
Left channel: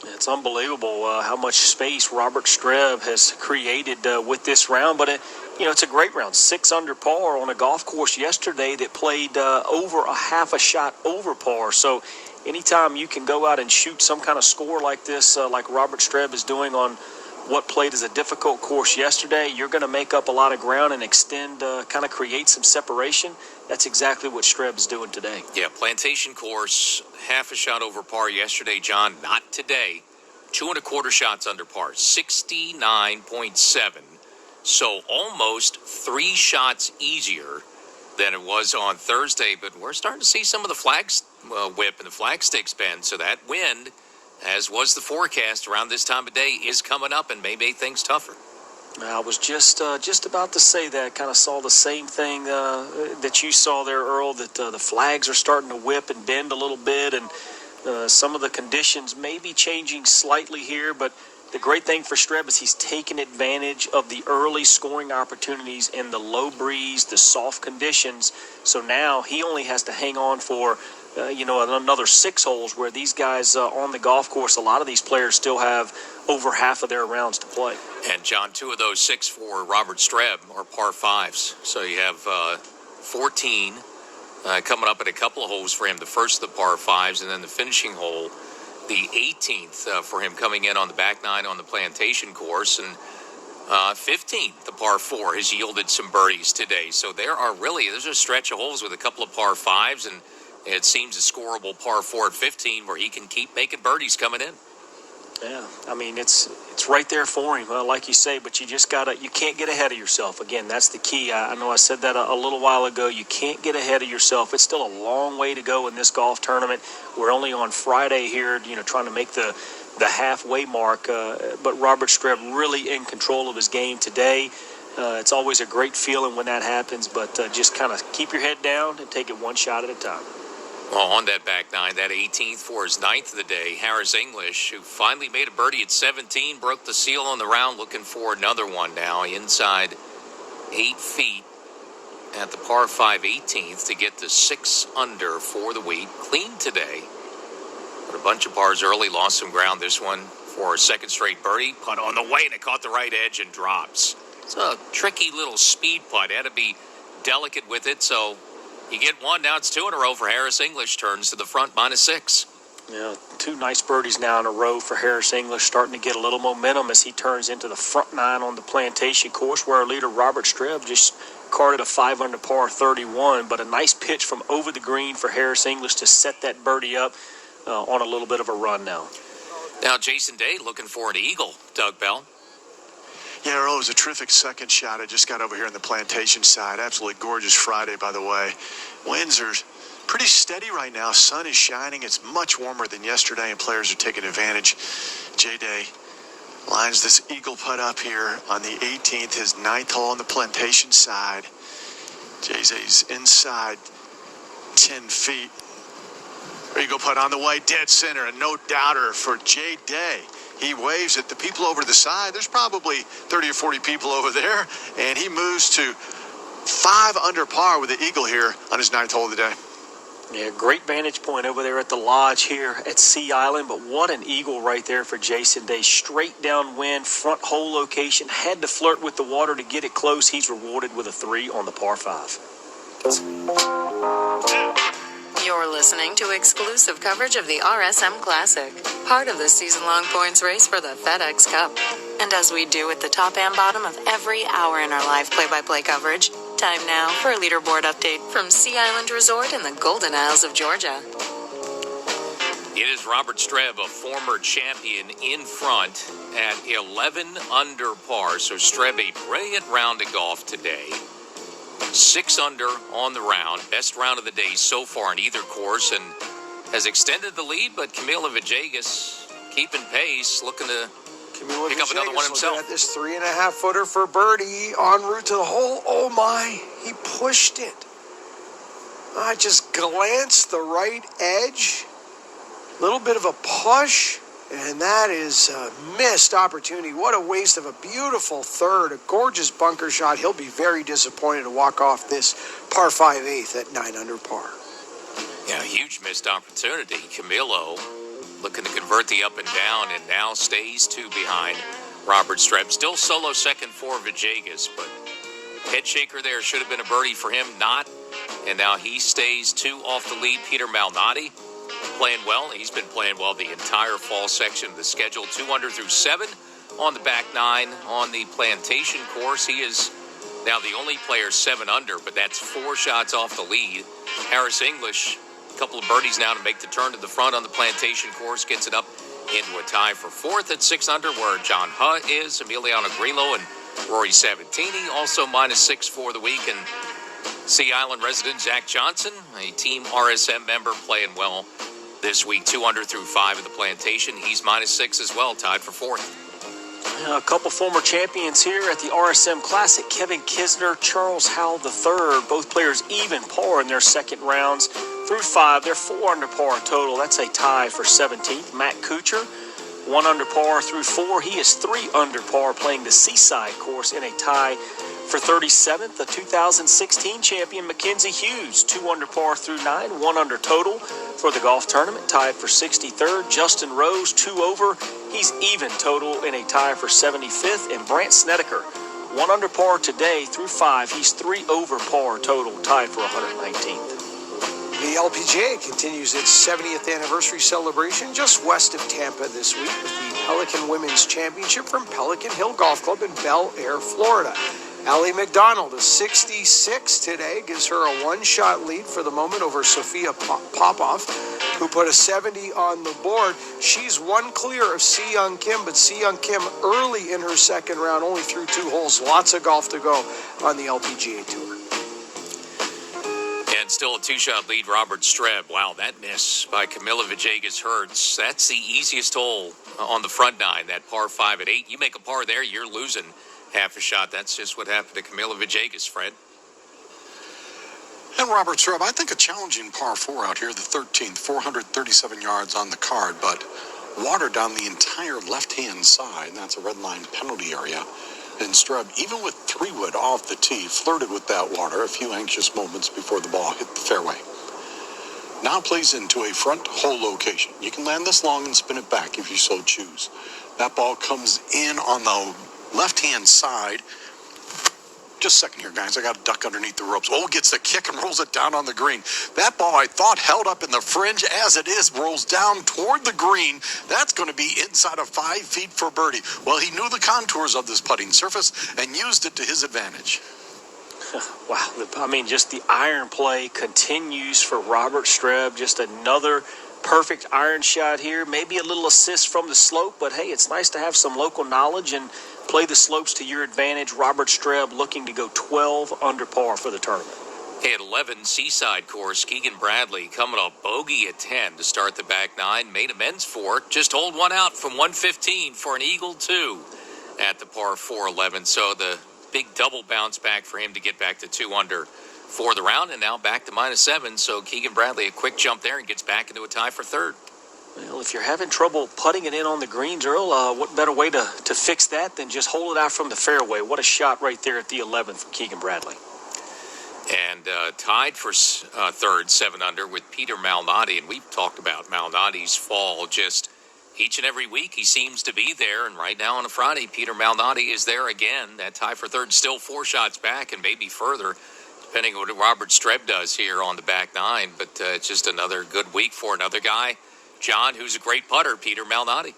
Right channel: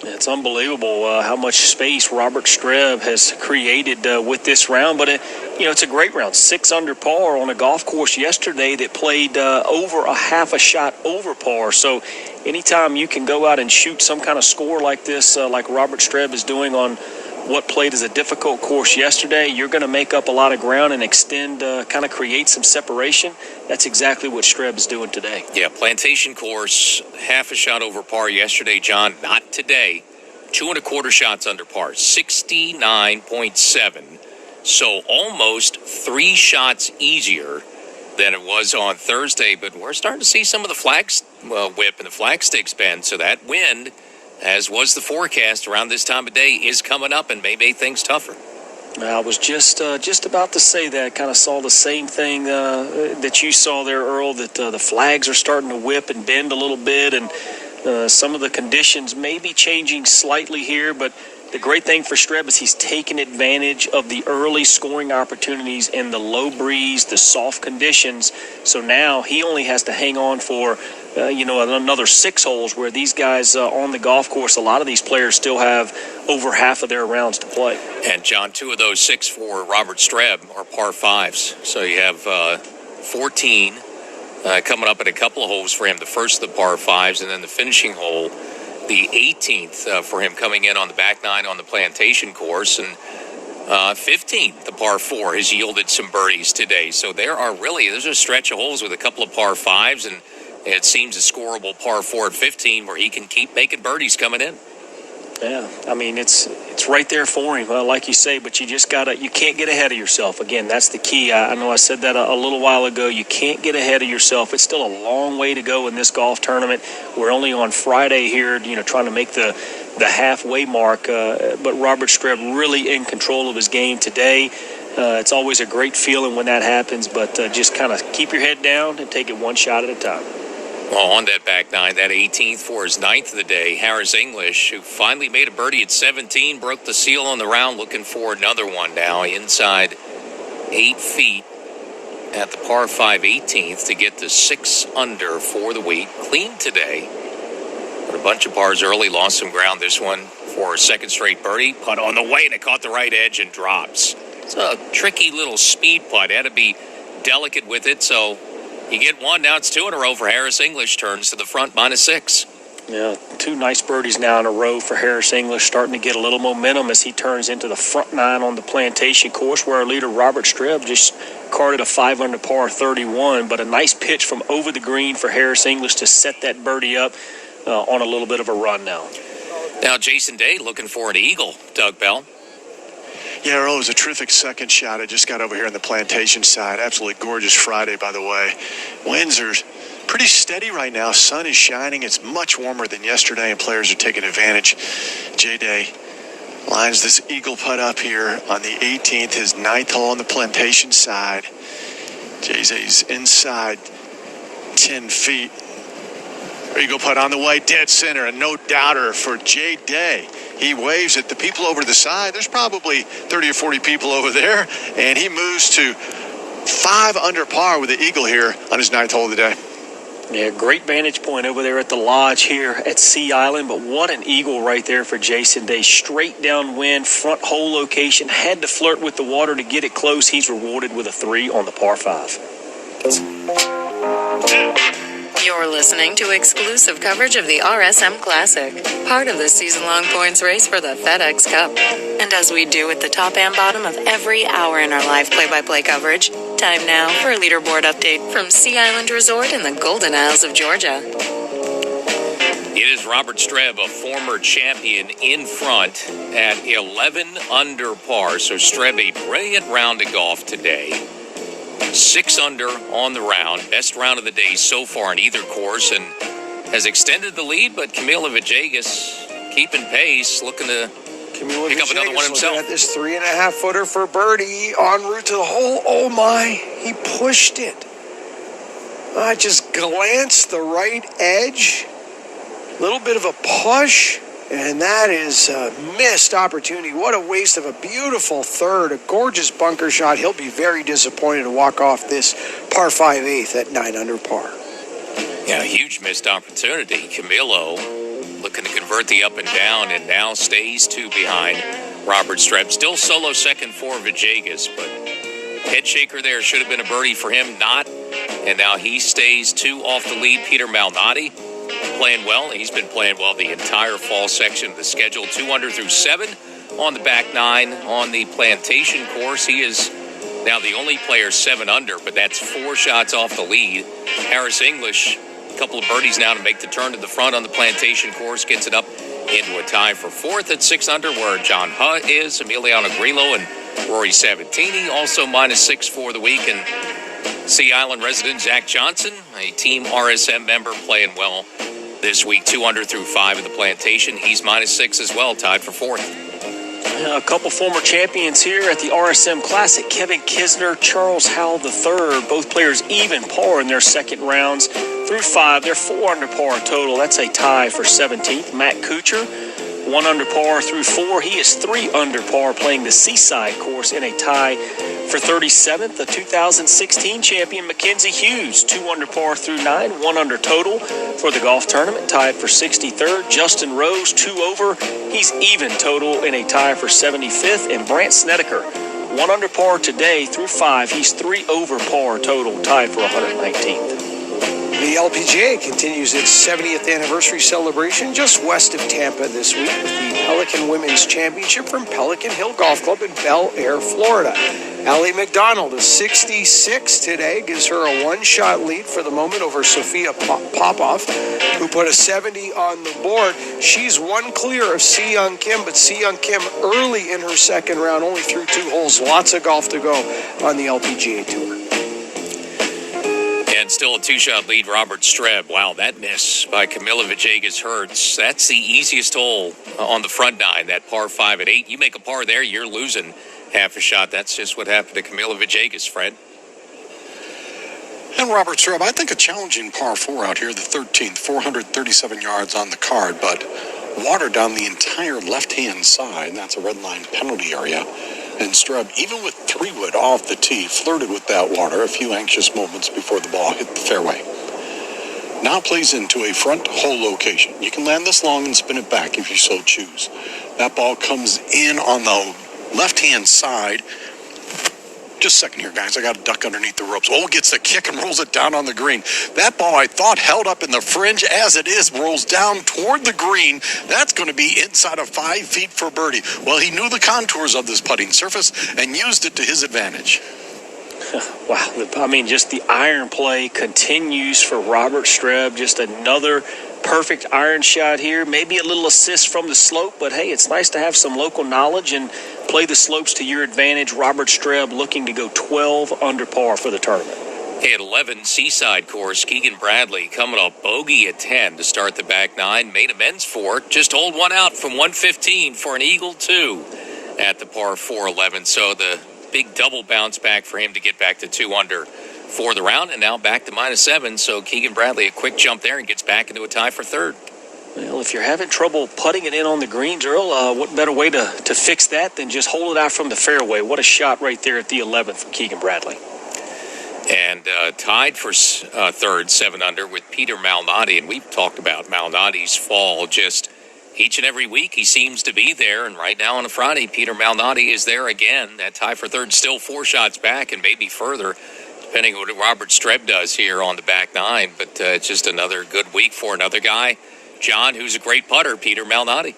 It's unbelievable how much space Robert.Streb has created with this round, but it's a great round. 6 under par on a golf course yesterday that played over a half a shot over par. So anytime you can go out and shoot some kind of score like this, like Robert.Streb is doing on what played as a difficult course yesterday, you're going to make up a lot of ground and extend, kind of create some separation. That's exactly what Streb is doing today. Yeah, Plantation course, half a shot over par yesterday, John. Not today. 2 1/4 shots under par, 69.7. So almost 3 shots easier than it was on Thursday. But we're starting to see some of the whip and the flag sticks bend. So that wind, as was the forecast around this time of day, is coming up and may make things tougher. I was just about to say that. Kind of saw the same thing that you saw there, Earl, that the flags are starting to whip and bend a little bit, and some of the conditions may be changing slightly here, but the great thing for Streb is he's taken advantage of the early scoring opportunities and the low breeze, the soft conditions. So now he only has to hang on for another 6 holes, where these guys on the golf course, a lot of these players still have over half of their rounds to play. And, John, 2 of those 6 for Robert.Streb are par 5s. So you have 14 coming up at a couple of holes for him, the first of the par 5s, and then the finishing hole, the 18th for him coming in on the back 9 on the Plantation course. And 15th, the par 4, has yielded some birdies today. So there's a stretch of holes with a couple of par 5s, and it seems a scoreable par 4 at 15 where he can keep making birdies coming in. Yeah, I mean, it's right there for him, like you say, but you can't get ahead of yourself. Again, that's the key. I know I said that a little while ago. You can't get ahead of yourself. It's still a long way to go in this golf tournament. We're only on Friday here, trying to make the halfway mark, but Robert.Streb really in control of his game today. It's always a great feeling when that happens, but just kind of keep your head down and take it one shot at a time. Well, on that back 9, that 18th for his 9th of the day, Harris English, who finally made a birdie at 17, broke the seal on the round, looking for another one now, inside 8 feet at the par 5 18th to get to 6 under for the week. Clean today, but a bunch of pars early, lost some ground. This one for a second straight birdie, putt on the way, and it caught the right edge and drops. It's a tricky little speed putt. Had to be delicate with it, so you get one. Now it's 2 in a row for Harris English. Turns to the front, -6. Yeah, 2 nice birdies now in a row for Harris English, starting to get a little momentum as he turns into the front 9 on the Plantation course, where our leader Robert.Streb just carded a 5 under par 31, but a nice pitch from over the green for Harris English to set that birdie up on a little bit of a run now. Now Jason Day looking for an eagle, Doug Bell. Yeah, Earl, it was a terrific second shot. I just got over here on the Plantation side. Absolutely gorgeous Friday, by the way. Winds are pretty steady right now. Sun is shining. It's much warmer than yesterday, and players are taking advantage. J-Day lines this eagle putt up here on the 18th, his 9th hole on the Plantation side. J-Day's inside 10 feet. Eagle putt on the way, dead center, and no doubter for J-Day. He waves at the people over to the side. There's probably 30 or 40 people over there, and he moves to 5 under par with the eagle here on his 9th hole of the day. Yeah, great vantage point over there at the lodge here at Sea Island, but what an eagle right there for Jason Day. Straight downwind, front hole location, had to flirt with the water to get it close. He's rewarded with a 3 on the par 5. You're listening to exclusive coverage of the RSM Classic, part of the season-long points race for the FedEx Cup. And as we do at the top and bottom of every hour in our live play-by-play coverage, time now for a leaderboard update from Sea Island Resort in the Golden Isles of Georgia. It is Robert.Streb, a former champion, in front at 11 under par. So Streb, a brilliant round of golf today. 6 under on the round, best round of the day so far in either course, and has extended the lead, but Camilo Villegas keeping pace, looking to pick up another one himself. At this 3.5-footer for birdie en route to the hole. Oh my, he pushed it. I just glanced the right edge, little bit of a push, and that is a missed opportunity. What a waste of a beautiful third, a gorgeous bunker shot. He'll be very disappointed to walk off this par 5/8 at 9 under par. Yeah, huge missed opportunity. Camilo looking to convert the up and down, and now stays 2 behind Robert.Streb. Still solo second for Villegas, but head shaker there. Should have been a birdie for him, not. And now he stays 2 off the lead. Peter Malnati playing well. He's been playing well the entire fall section of the schedule. 2 under through 7 on the back 9 on the Plantation course. He is now the only player 7 under, but that's 4 shots off the lead. Harris English, a couple of birdies now to make the turn to the front on the Plantation course, gets it up into a tie for 4th at 6 under, where John Huh is. Emiliano Grillo and Rory Sabatini also -6 for the week. And Sea Island resident Zach Johnson, a Team RSM member, playing well this week. 2 under through 5 in the Plantation. He's -6 as well, tied for 4th. A couple former champions here at the RSM Classic. Kevin.Kisner, Charles Howell III, both players even par in their second rounds through 5. They're 4 under par total. That's a tie for 17th. Matt Kuchar, 1 under par through 4. He is 3 under par playing the Seaside course in a tie for 37th. The 2016 champion Mackenzie Hughes, 2 under par through 9, 1 under total for the golf tournament, tied for 63rd. Justin Rose, 2 over. He's even total in a tie for 75th. And Brant Snedeker, 1 under par today through 5. He's 3 over par total, tied for 119th. The LPGA continues its 70th anniversary celebration just west of Tampa this week with the Pelican Women's Championship from Pelican Hill Golf Club in Bel Air, Florida. Allie McDonald is 66 today, gives her a 1-shot lead for the moment over Sophia Popov, who put a 70 on the board. She's 1 clear of Si Young Kim, but Si Young Kim early in her second round, only through 2 holes. Lots of golf to go on the LPGA Tour. And still a 2-shot lead, Robert.Streb. Wow, that miss by Camila Villegas hurts. That's the easiest hole on the front 9, that par 5 at 8. You make a par there, you're losing half a shot. That's just what happened to Camila Villegas, Fred. And Robert.Streb, I think a challenging par 4 out here, the 13th, 437 yards on the card, but water down the entire left-hand side. That's a red line penalty area. And Streb, even with 3-wood off the tee, flirted with that water a few anxious moments before the ball hit the fairway. Now plays into a front hole location. You can land this long and spin it back if you so choose. That ball comes in on the left-hand side. Just a second here, guys. I got to duck underneath the ropes. Oh, gets the kick and rolls it down on the green. That ball, I thought, held up in the fringe. As it is, rolls down toward the green. That's going to be inside of 5 feet for birdie. Well, he knew the contours of this putting surface and used it to his advantage. Wow. I mean, just the iron play continues for Robert.Streb. Just another perfect iron shot here. Maybe a little assist from the slope, but hey, it's nice to have some local knowledge and play the slopes to your advantage. Robert.Streb looking to go 12 under par for the tournament. Hey, at 11, Seaside course, Keegan Bradley coming off bogey at 10 to start the back 9. Made amends for it. Just hold one out from 115 for an eagle 2 at the par 4-11. So the big double bounce back for him to get back to 2 under for the round, and now back to -7. So Keegan Bradley, a quick jump there and gets back into a tie for 3rd. Well, if you're having trouble putting it in on the greens, Earl, what better way to fix that than just hold it out from the fairway? What a shot right there at the 11th from Keegan Bradley. And tied for 3rd, 7 under, with Peter Malnati. And we've talked about Malnati's fall just each and every week. He seems to be there. And right now on a Friday, Peter Malnati is there again. That tie for 3rd, still 4 shots back and maybe further, depending on what Robert.Streb does here on the back 9. But it's just another good week for another guy, John, who's a great putter, Peter Malnati.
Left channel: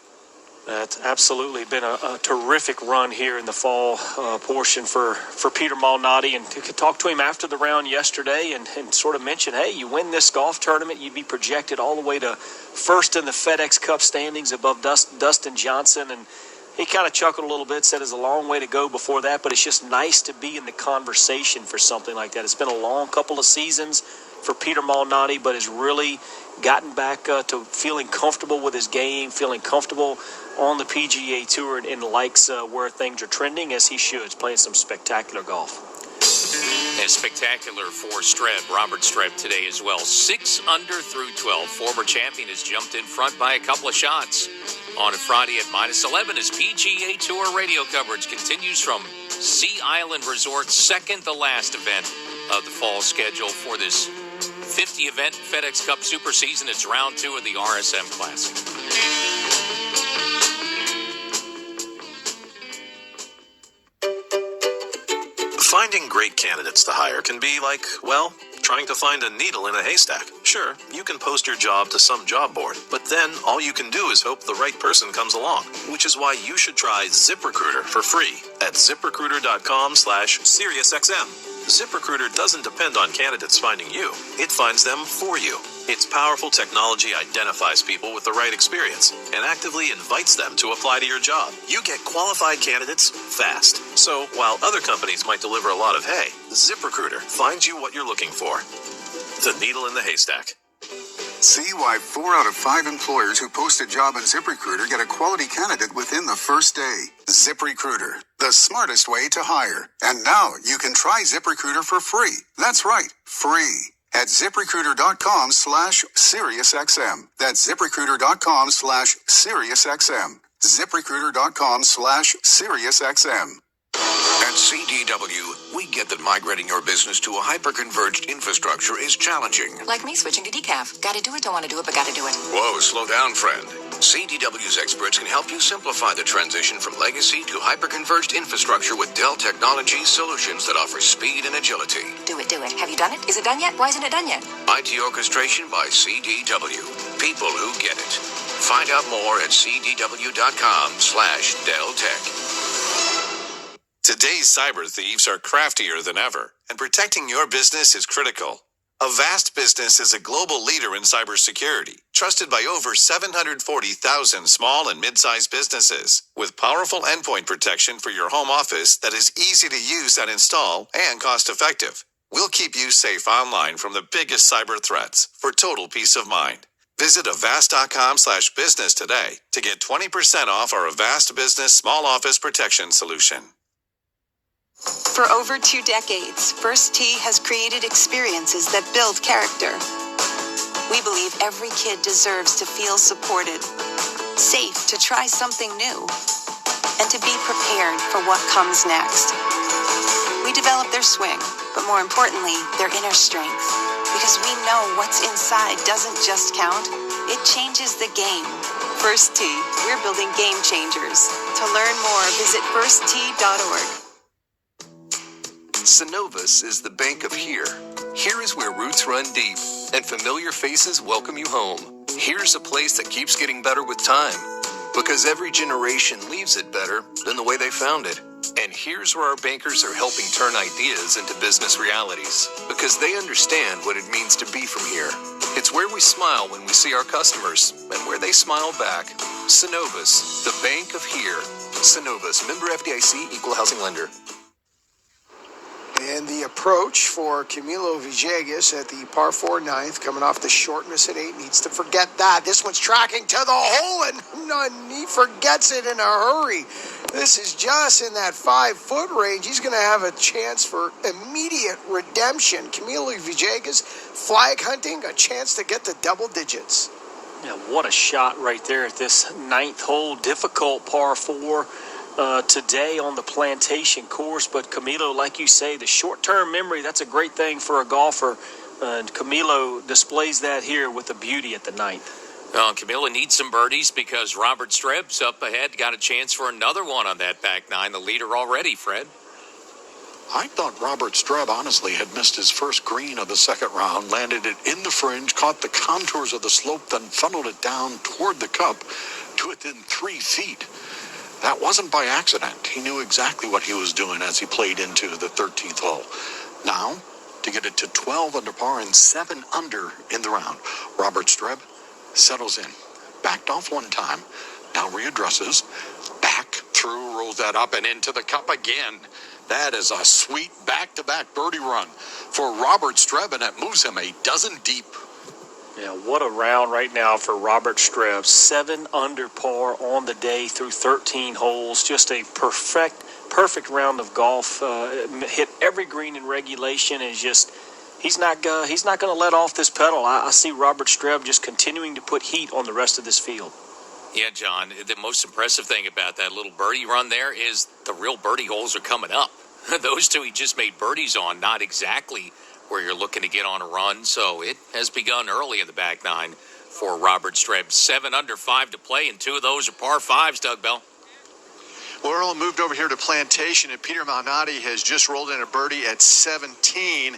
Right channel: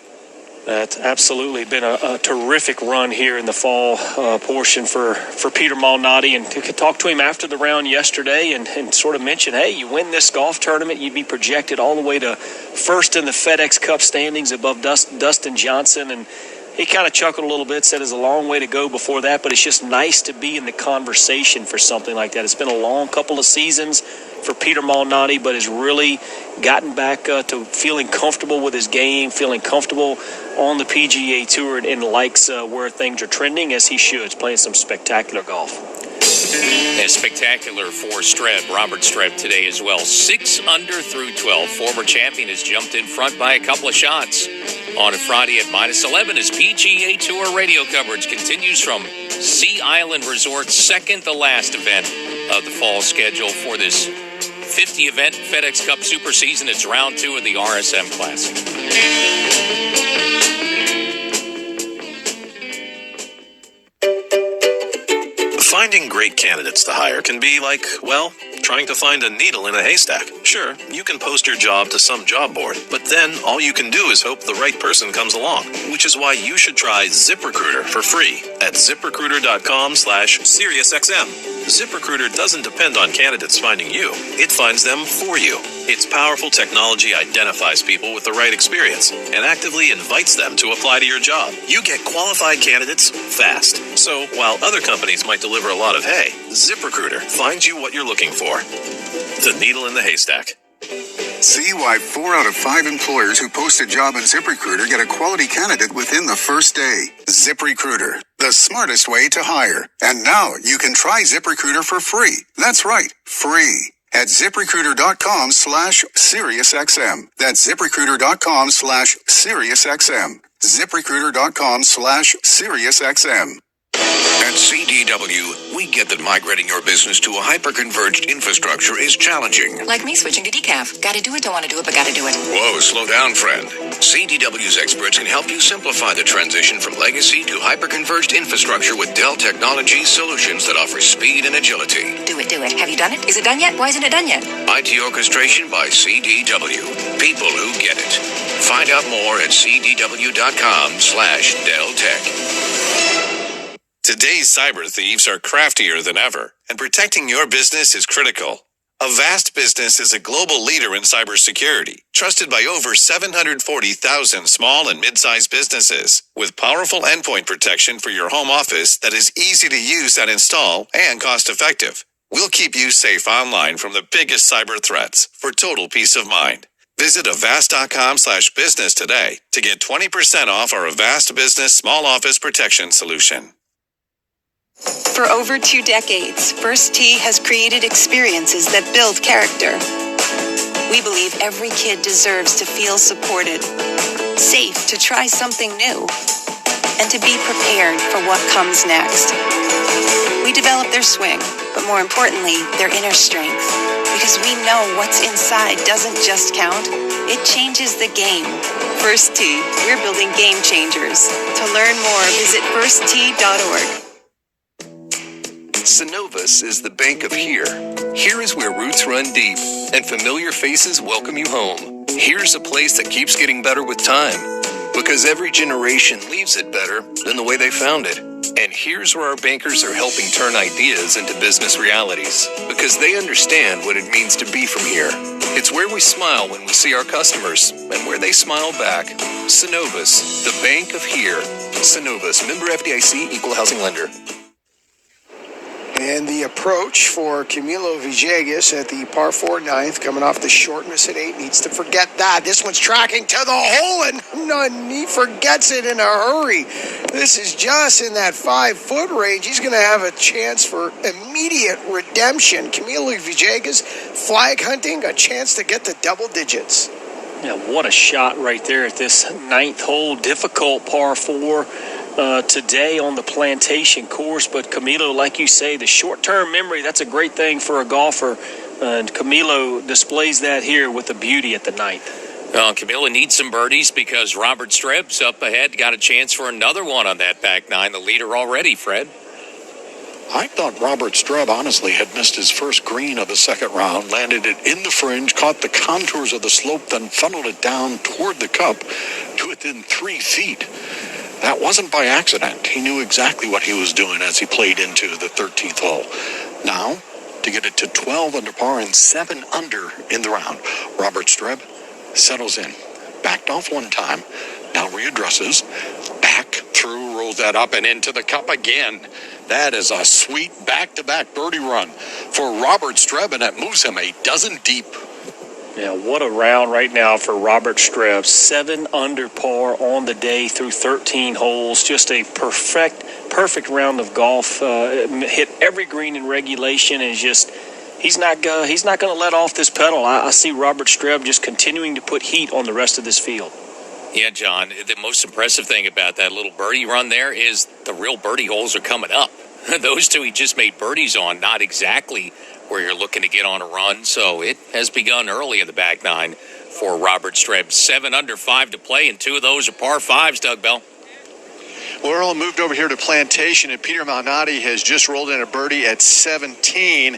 That's absolutely been a terrific run here in the fall portion for Peter Malnati. And to talk to him after the round yesterday and sort of mention, hey, you win this golf tournament, you'd be projected all the way to 1st in the FedEx Cup standings above Dustin Johnson. And he kind of chuckled a little bit, said it's a long way to go before that, but it's just nice to be in the conversation for something like that. It's been a long couple of seasons for Peter Malnati, but has really gotten back to feeling comfortable with his game, feeling comfortable on the PGA Tour, and likes where things are trending, as he should. He's playing some spectacular golf. And spectacular for Streb, Robert.Streb today as well. 6 under through 12. Former champion has jumped in front by a couple of shots on a Friday at -11 as PGA Tour radio coverage continues from Sea Island Resort's second to last event of the fall schedule for this 50 event FedEx Cup Super Season. It's round 2 of the RSM Classic. Finding great candidates to hire can be like, well, trying to find a needle in a haystack. Sure, you can post your job to some job board, but then all you can do is hope the right person comes along, which is why you should try ZipRecruiter for free at ZipRecruiter.com/SiriusXM. ZipRecruiter doesn't depend on candidates finding you. It finds them for you. Its powerful technology identifies people with the right experience and actively invites them to apply to your job. You get qualified candidates fast. So while other companies might deliver a lot of hay, ZipRecruiter finds you what you're looking for. The needle in the haystack. See why 4 out of 5 employers who post a job on ZipRecruiter get a quality candidate within the first day. ZipRecruiter, the smartest way to hire. And now you can try ZipRecruiter for free. That's right, free. At ZipRecruiter.com/SiriusXM. That's ZipRecruiter.com/SiriusXM. ZipRecruiter.com/SiriusXM. At CDW, we get that migrating your business to a hyper-converged infrastructure is challenging. Like me switching to decaf. Gotta do it, don't want to do it, but gotta do it. Whoa, slow down, friend. CDW's experts can help you simplify the transition from legacy to hyper-converged infrastructure with Dell Technologies solutions that offer speed and agility. Do it, do it. Have you done it? Is it done yet? Why isn't it done yet? IT orchestration by CDW. People who get it. Find out more at cdw.com/DellTech. Today's cyber thieves are craftier than ever, and protecting your business is critical. Avast Business is a global leader in cybersecurity, trusted by over 740,000 small and mid-sized businesses, with powerful endpoint protection for your home office that is easy to use and install and cost-effective. We'll keep you safe online from the biggest cyber threats for total peace of mind. Visit avast.com/business today to get 20% off our Avast Business Small Office Protection Solution. For over 2 decades, First Tee has created experiences that build character. We believe every kid deserves to feel supported, safe to try something new, and to be prepared for what comes next. We develop their swing, but more importantly, their inner strength, because we know what's inside doesn't just count, it changes the game. First Tee, we're building game changers. To learn more, visit firsttee.org. Synovus is the bank of here. Here is where roots run deep and familiar faces welcome you home. Here's a place that keeps getting better with time, because every generation leaves it better than the way they found it. And here's where our bankers are helping turn ideas into business realities, because they understand what it means to be from here. It's where we smile when we see our customers and where they smile back. Synovus, the bank of here. Synovus, member FDIC, equal housing lender. And the approach for Camilo Villegas at the par 4 9th, coming off the short miss at 8, needs to forget that. This one's tracking to the hole, and he forgets it in a hurry. This is just in that 5-foot range. He's going to have a chance for immediate redemption. Camilo Villegas, flag hunting, a chance to get to double digits. Yeah, what a shot right there at this 9th hole. Difficult par 4. Today on the Plantation course, but Camilo, like you say, the short-term memory, that's a great thing for a golfer, and Camilo displays that here with the beauty at the 9th. Well, Camilo needs some birdies because Robert.Streb's up ahead, got a chance for another one on that back 9, the leader already, Fred. I thought Robert.Streb honestly had missed his first green of the second round, landed it in the fringe, caught the contours of the slope, then funneled it down toward the cup to within 3 feet. That wasn't by accident. He knew exactly what he was doing as he played into the 13th hole. Now, to get it to 12 under par and 7 under in the round, Robert.Streb settles in. Backed off one time, now readdresses, back through, rolls that up and into the cup again. That is a sweet back-to-back birdie run for Robert.Streb, and it moves him a dozen deep. Yeah, what a round right now for Robert.Streb. 7 under par on the day through 13 holes. Just a perfect round of golf. Hit every green in regulation, and he's not going to let off this pedal. I see Robert.Streb just continuing to put heat on the rest of this field. Yeah, John, the most impressive thing about that little birdie run there is the real birdie holes are coming up. Those two he just made birdies on, not exactly where you're looking to get on a run. So it has begun early in the back nine for Robert.Streb. 7 under, 5 to play, and 2 of those are par 5s, Doug Bell. Well, Earl moved over here to Plantation, and Peter Malnati has just rolled in a birdie at 17.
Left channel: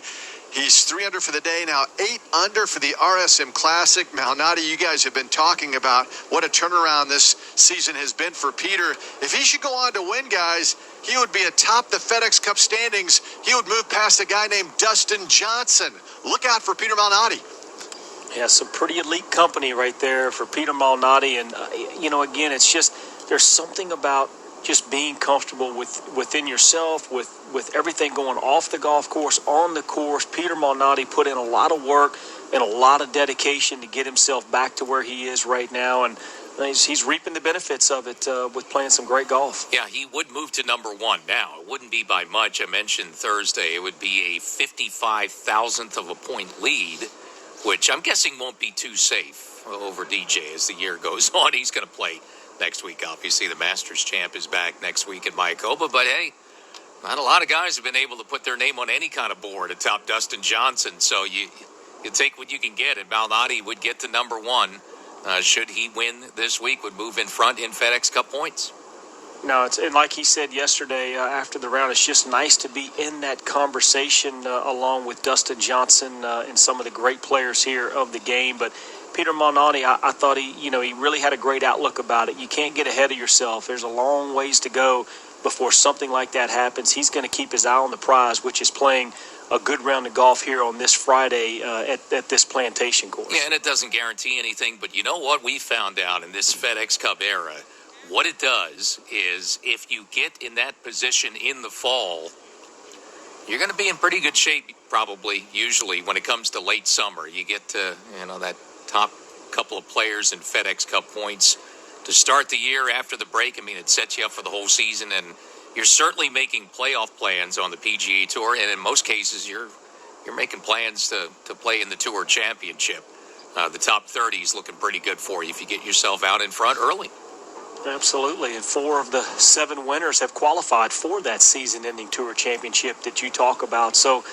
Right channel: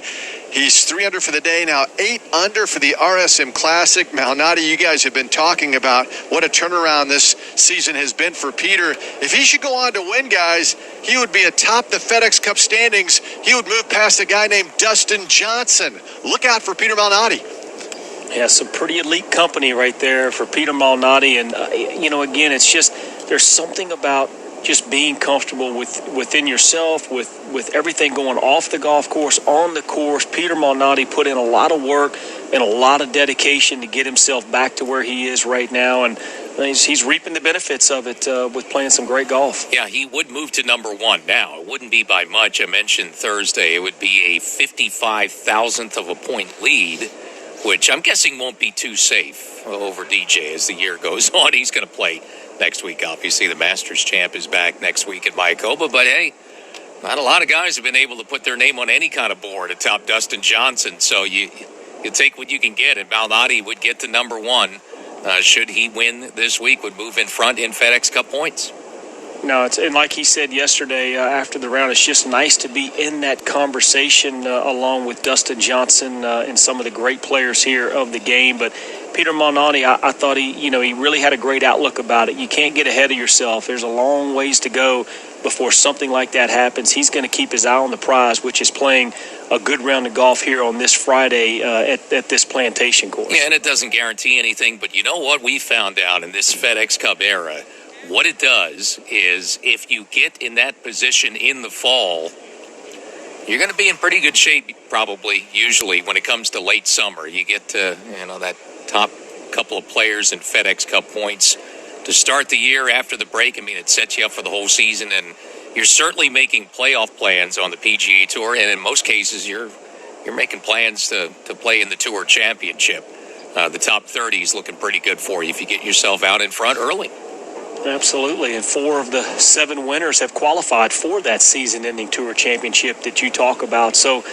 He's 3 under for the day, now 8 under for the RSM Classic. Malnati, you guys have been talking about what a turnaround this season has been for Peter. If he should go on to win, guys, he would be atop the FedEx Cup standings. He would move past a guy named Dustin Johnson. Look out for Peter Malnati. Yeah, some pretty elite company right there for Peter Malnati. And, again, it's just there's something about just being comfortable within yourself, with everything going off the golf course, on the course. Peter Malnati put in a lot of work and a lot of dedication to get himself back to where he is right now, and he's reaping the benefits of it with playing some great golf. Yeah, he would move to number 1 now. It wouldn't be by much. I mentioned Thursday it would be a 55,000th of a point lead, which I'm guessing won't be too safe over DJ as the year goes on. He's going to play next week. Obviously, the Masters champ is back next week at Mayakoba, but hey, not a lot of guys have been able to put their name on any kind of board atop Dustin Johnson, so you take what you can get, and Malnati would get to number 1. Should he win this week, would move in front in FedEx Cup points. No, and like he said yesterday after the round, it's just nice to be in that conversation along with Dustin Johnson and some of the great players here of the game. But Peter Malnati, I thought he really had a great outlook about it. You can't get ahead of yourself. There's a long ways to go before something like that happens. He's going to keep his eye on the prize, which is playing a good round of golf here on this Friday at this Plantation course. Yeah, and it doesn't guarantee anything, but you know what we found out in this FedEx Cup era? What it does is if you get in that position in the fall, you're going to be in pretty good shape probably, usually, when it comes to late summer. You get to, that top couple of players in FedEx Cup points to start the year after the break. I mean, it sets you up for the whole season, and you're certainly making playoff plans on the PGA Tour, and in most cases, you're making plans to play in the Tour Championship. The top 30 is looking pretty good for you if you get yourself out in front early. Absolutely, and 4 of the 7 winners have qualified for that season-ending Tour Championship that you talk about. So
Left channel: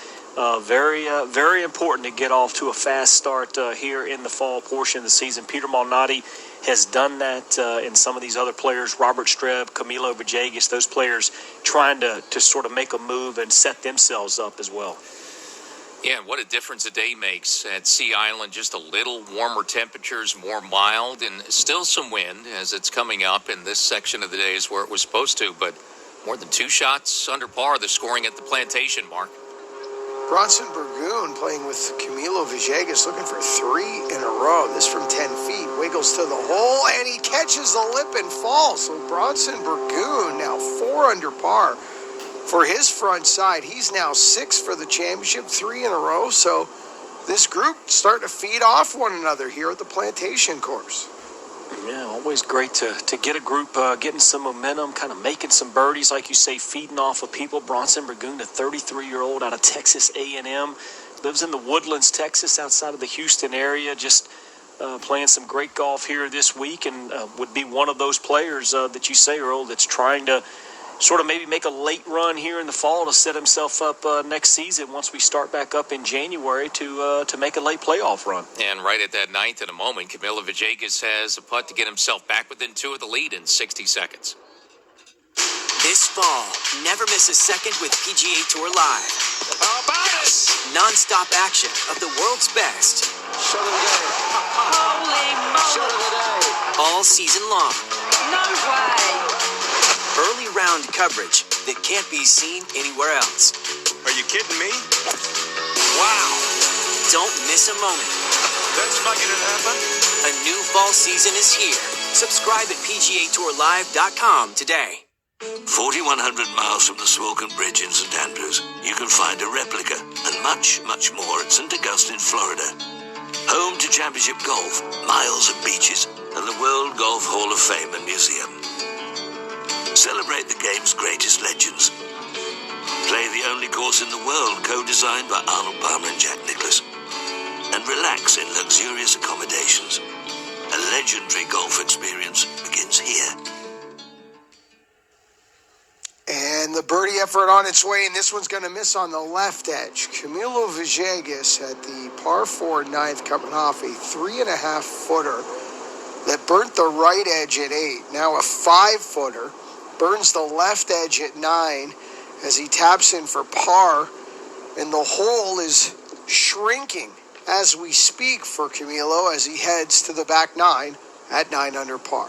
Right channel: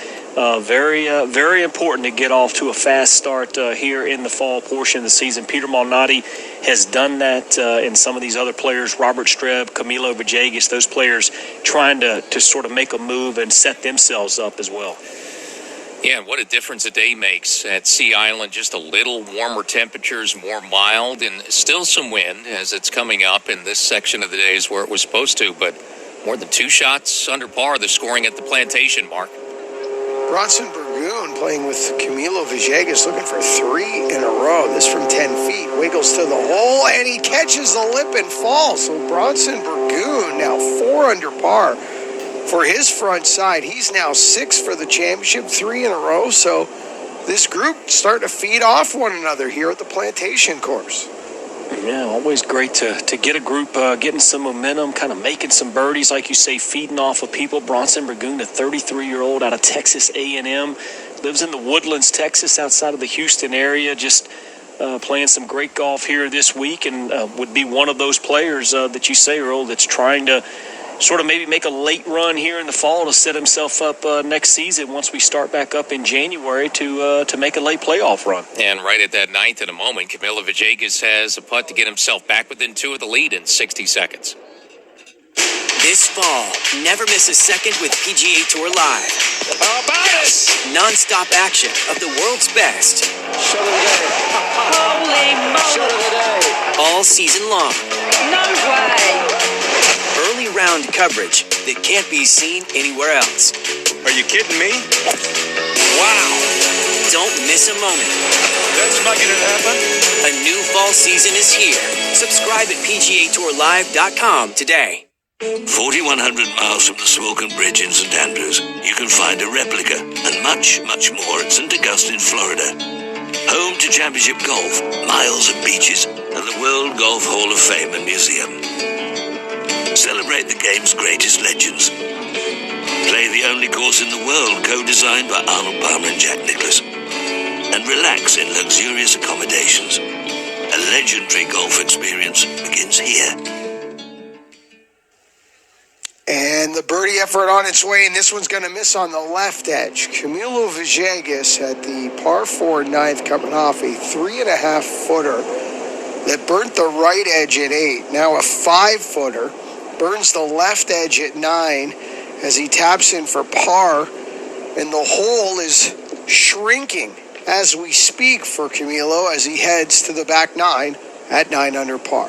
very important to get off to a fast start here in the fall portion of the season. Peter Malnati has done that, and some of these other players, Robert.Streb, Camilo Villegas, those players trying to sort of make a move and set themselves up as well. Yeah, what a difference a day makes at Sea Island. Just a little warmer temperatures, more mild, and still some wind as it's coming up in this section of the day is where it was supposed to, but more than 2 shots under par, the scoring at the Plantation, Mark. Bronson Burgoon playing with Camilo Villegas, looking for 3 in a row. This from 10 feet, wiggles to the hole, and he catches the lip and falls. So Bronson Burgoon now 4 under par for his front side. He's now 6 for the championship, 3 in a row. So this group starting to feed off one another here at the Plantation course. Yeah, always great to get a group getting some momentum, kind of making some birdies, like you say, feeding off of people. Bronson Burgoon, a 33-year-old out of Texas A&M, lives in the Woodlands, Texas, outside of the Houston area, just playing some great golf here this week, and would be one of those players that you say, Earl, that's trying to sort of maybe make a late run here in the fall to set himself up next season once we start back up in January to make a late playoff run. And right at that 9th in a moment, Camilo Villegas has a putt to get himself back within 2 of the lead in 60 seconds. This fall, never miss a second with PGA Tour Live. How about it? Non-stop action of the world's best. Shot of the day. Holy moly. Shot of the day. All season long. No way. Early round coverage that can't be seen anywhere else. Are you kidding me? Wow. Don't miss a moment. That's making it happen. A new fall season is here. Subscribe at PGATourLive.com today. 4,100 miles from the Smoking Bridge in St. Andrews, you can find a replica and much, much more at St. Augustine, Florida. Home to championship golf, miles of beaches, and the World Golf Hall of Fame and Museum. Celebrate the game's greatest legends. Play the only course in the world co-designed by Arnold Palmer and Jack Nicklaus. And relax in luxurious accommodations. A legendary golf experience begins here. And And the birdie effort on its way, and this one's going to miss on the left edge. Camilo Villegas had the par 4 ninth coming off a 3.5 footer that burnt the right edge at 8. Now a 5 footer burns the left edge at 9 as he taps in for par, and the hole is shrinking as we speak for Camilo as he heads to the back 9 at 9 under par.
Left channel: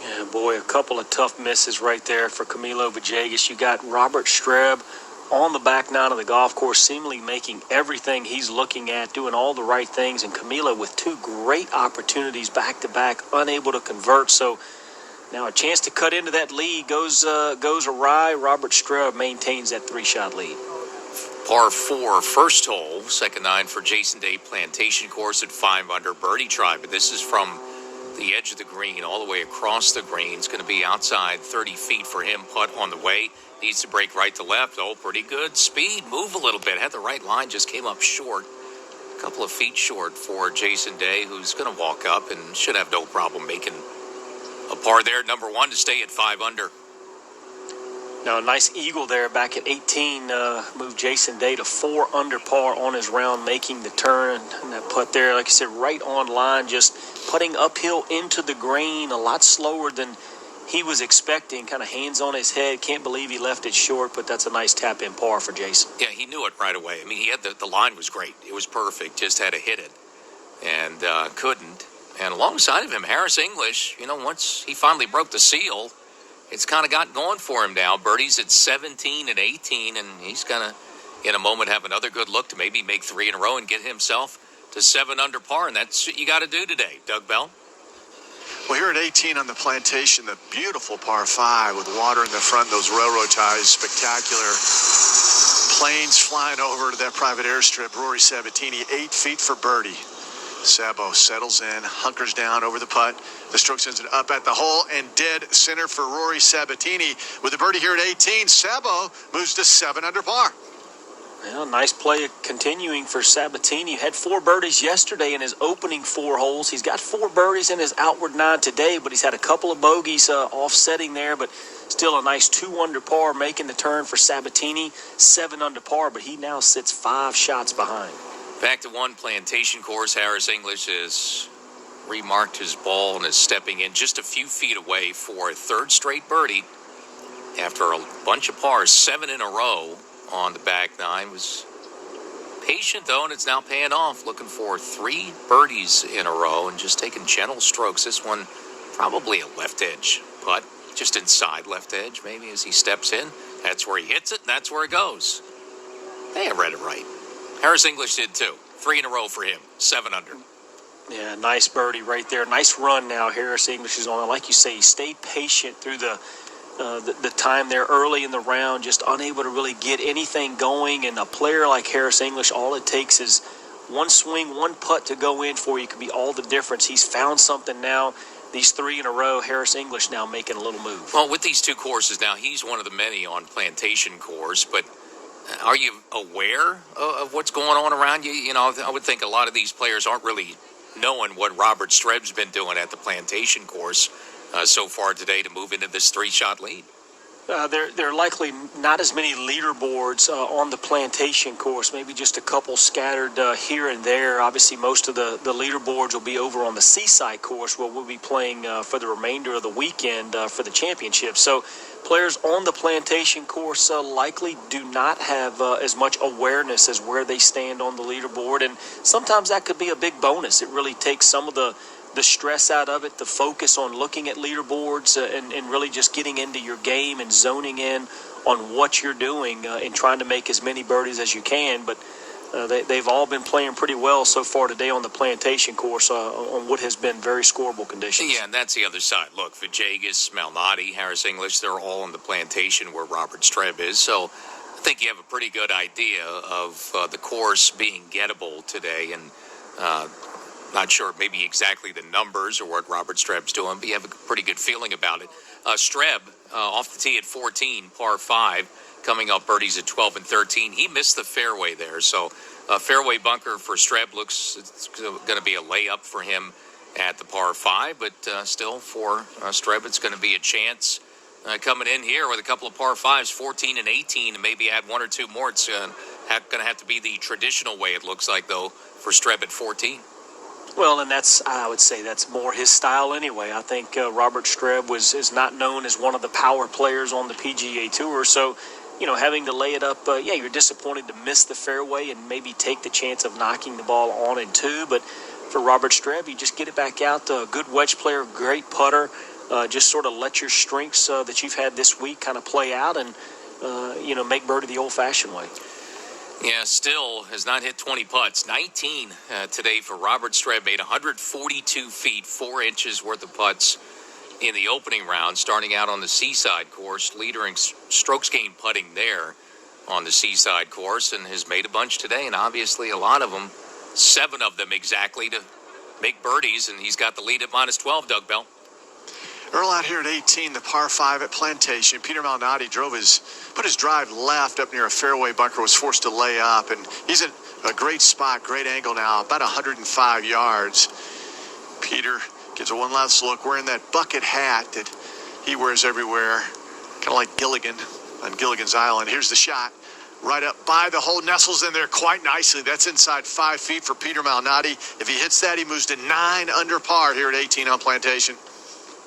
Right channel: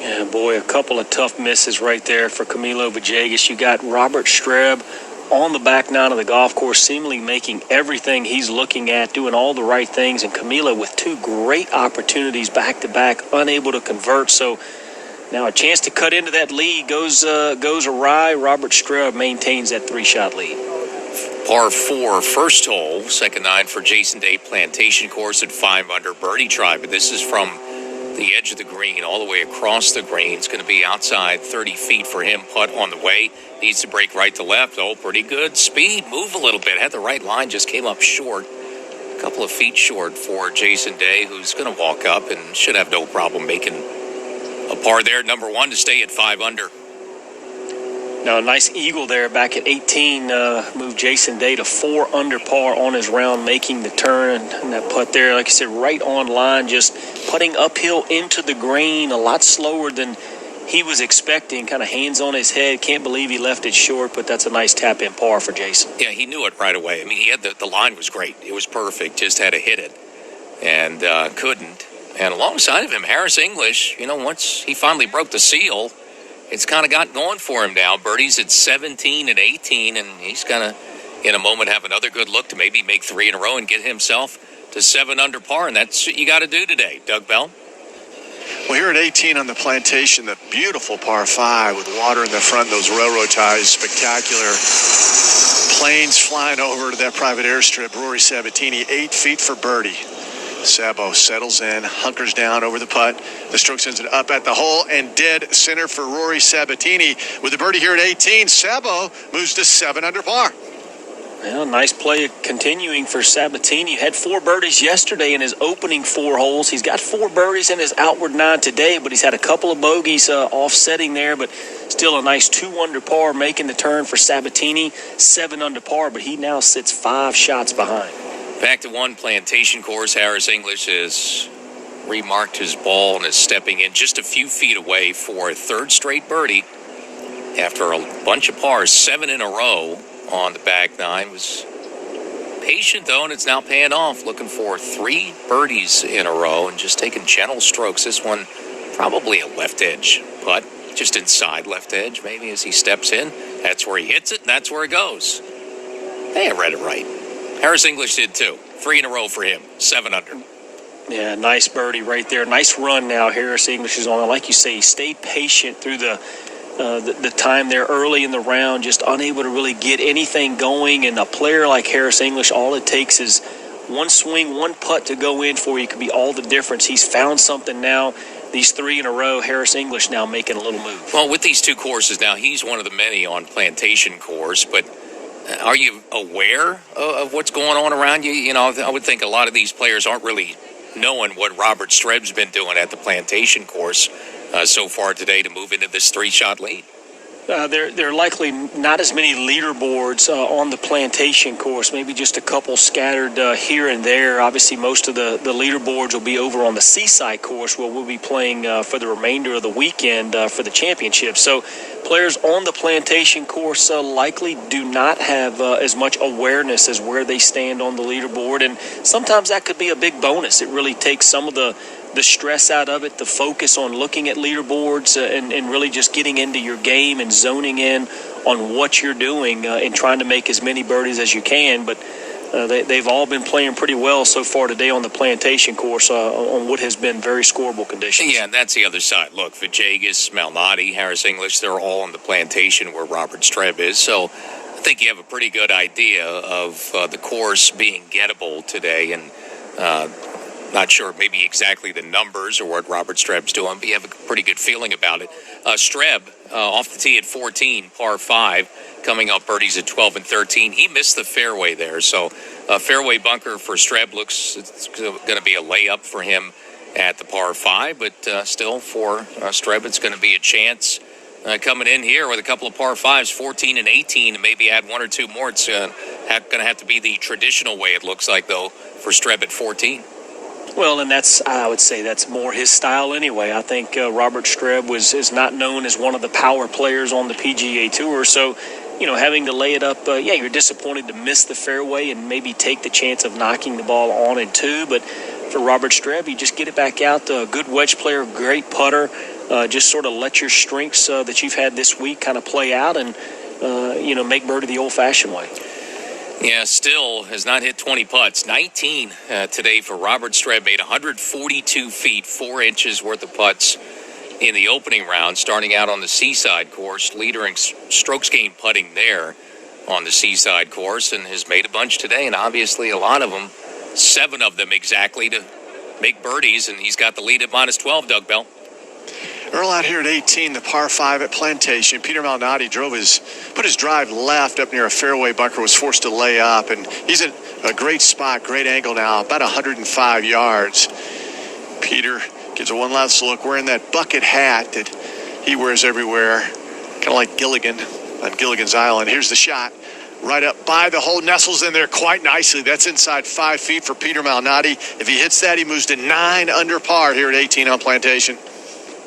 Yeah, boy, a couple of tough misses right there for Camilo Villegas. You got Robert.Streb on the back 9 of the golf course, seemingly making everything he's looking at, doing all the right things, and Camilo with 2 great opportunities back-to-back, unable to convert. So now a chance to cut into that lead goes awry. Robert.Streb maintains that 3-shot lead. Par 4, first hole, second 9 for Jason Day Plantation Course at 5 under birdie try. But this is from the edge of the green all the way across the green. It's going to be outside 30 feet for him. Putt on the way. Needs to break right to left. Oh, pretty good speed. Move a little bit. Had the right line, just came up short. A couple of feet short for Jason Day, who's going to walk up and should have no problem making a par there. Number 1 to stay at 5 under. Now, a nice eagle there back at 18 moved Jason Day to 4 under par on his round, making the turn. And that putt there, like I said, right on line, just putting uphill into the green, a lot slower than he was expecting, kind of hands on his head. Can't believe he left it short, but that's a nice tap-in par for Jason. Yeah, he knew it right away. I mean, he had the line was great. It was perfect. Just had to hit it and couldn't. And alongside of him, Harris English, once he finally broke the seal, it's kind of got going for him now. Birdie's at 17 and 18, and he's going to, in a moment, have another good look to maybe make 3 in a row and get himself to 7 under par, and that's what you got to do today. Doug Bell? Well, here at 18 on the Plantation, the beautiful par 5 with water in the front, those railroad ties, spectacular. Planes flying over to that private airstrip. Rory Sabatini, 8 feet for birdie. Sabo settles in, hunkers down over the putt. The stroke sends it up at the hole and dead center for Rory Sabatini. With the birdie here at 18, Sabo moves to 7 under par. Well, nice play continuing for Sabatini. Had 4 birdies yesterday in his opening 4 holes. He's got 4 birdies in his outward 9 today, but he's had a couple of bogeys offsetting there, but still a nice 2 under par, making the turn for Sabatini, 7 under par, but he now sits 5 shots behind. Back to 1 Plantation Course. Harris English has remarked his ball and is stepping in just a few feet away for a 3rd straight birdie after a bunch of pars, 7 in a row on the back 9. Was patient, though, and it's now paying off. Looking for 3 birdies in a row and just taking gentle strokes. This one probably a left edge putt, just inside left edge maybe as he steps in. That's where he hits it, and that's where it goes. Hey, I read it right. Harris English did too. 3 in a row for him. 7 under. Yeah, nice birdie right there. Nice run now. Harris English is on it. Like you say, he stayed patient through the time there early in the round, just unable to really get anything going. And a player like Harris English, all it takes is one swing, one putt to go in for you. Could be all the difference. He's found something now. These 3 in a row, Harris English now making a little move. Well, with these 2 courses now, he's one of the many on Plantation Course, but are you aware of what's going on around you? I would think a lot of these players aren't really knowing what Robert.Streb's been doing at the Plantation Course so far today to move into this 3-shot lead. There are likely not as many leaderboards on the Plantation Course, maybe just a couple scattered here and there. Obviously, most of the leaderboards will be over on the Seaside Course, where we'll be playing for the remainder of the weekend for the championship. So players on the Plantation Course likely do not have as much awareness as where they stand on the leaderboard, and sometimes that could be a big bonus. It really takes some of the stress out of it, the focus on looking at leaderboards and really just getting into your game and zoning in on what you're doing and trying to make as many birdies as you can. But they've all been playing pretty well so far today on the Plantation Course on what has been very scoreable conditions. Yeah, and that's the other side. Look, Villegas, Malnati, Harris English, they're all on the Plantation where Robert.Streb is. So I think you have a pretty good idea of the course being gettable today. And not sure maybe exactly the numbers or what Robert.Streb's doing, but you have a pretty good feeling about it. Streb off the tee at 14, par 5, coming up birdies at 12 and 13. He missed the fairway there, so fairway bunker for Streb looks it's going to be a layup for him at the par 5, but still for Streb it's going to be a chance coming in here with a couple of par 5s, 14 and 18, and maybe add one or two more. It's going to have to be the traditional way, it looks like, though, for Streb at 14. Well, and I would say that's more his style anyway. I think Robert.Streb is not known as one of the power players on the PGA Tour, so having to lay it up, you're disappointed to miss the fairway and maybe take the chance of knocking the ball on it too. But for Robert.Streb, you just get it back out. Good wedge player, great putter. Just sort of let your strengths that you've had this week kind of play out and, make birdie the old-fashioned way. Yeah, still has not hit 20 putts. 19 today for Robert.Streb. Made 142 feet, 4 inches worth of putts in the opening round, starting out on the Seaside course, leading strokes gained putting there on the Seaside course, and has made a bunch today, and obviously a lot of them, 7 of them exactly, to make birdies, and he's got the lead at -12, Doug Bell. Earl out here at 18, the par 5 at Plantation. Peter Malnati put his drive left up near a fairway bunker, was forced to lay up, and he's at a great spot, great angle now, about 105 yards. Peter gives a one last look, wearing that bucket hat that he wears everywhere, kind of like Gilligan on Gilligan's Island. Here's the shot, right up by the hole, nestles in there quite nicely. That's inside 5 feet for Peter Malnati. If he hits that, he moves to 9 under par here at 18 on Plantation.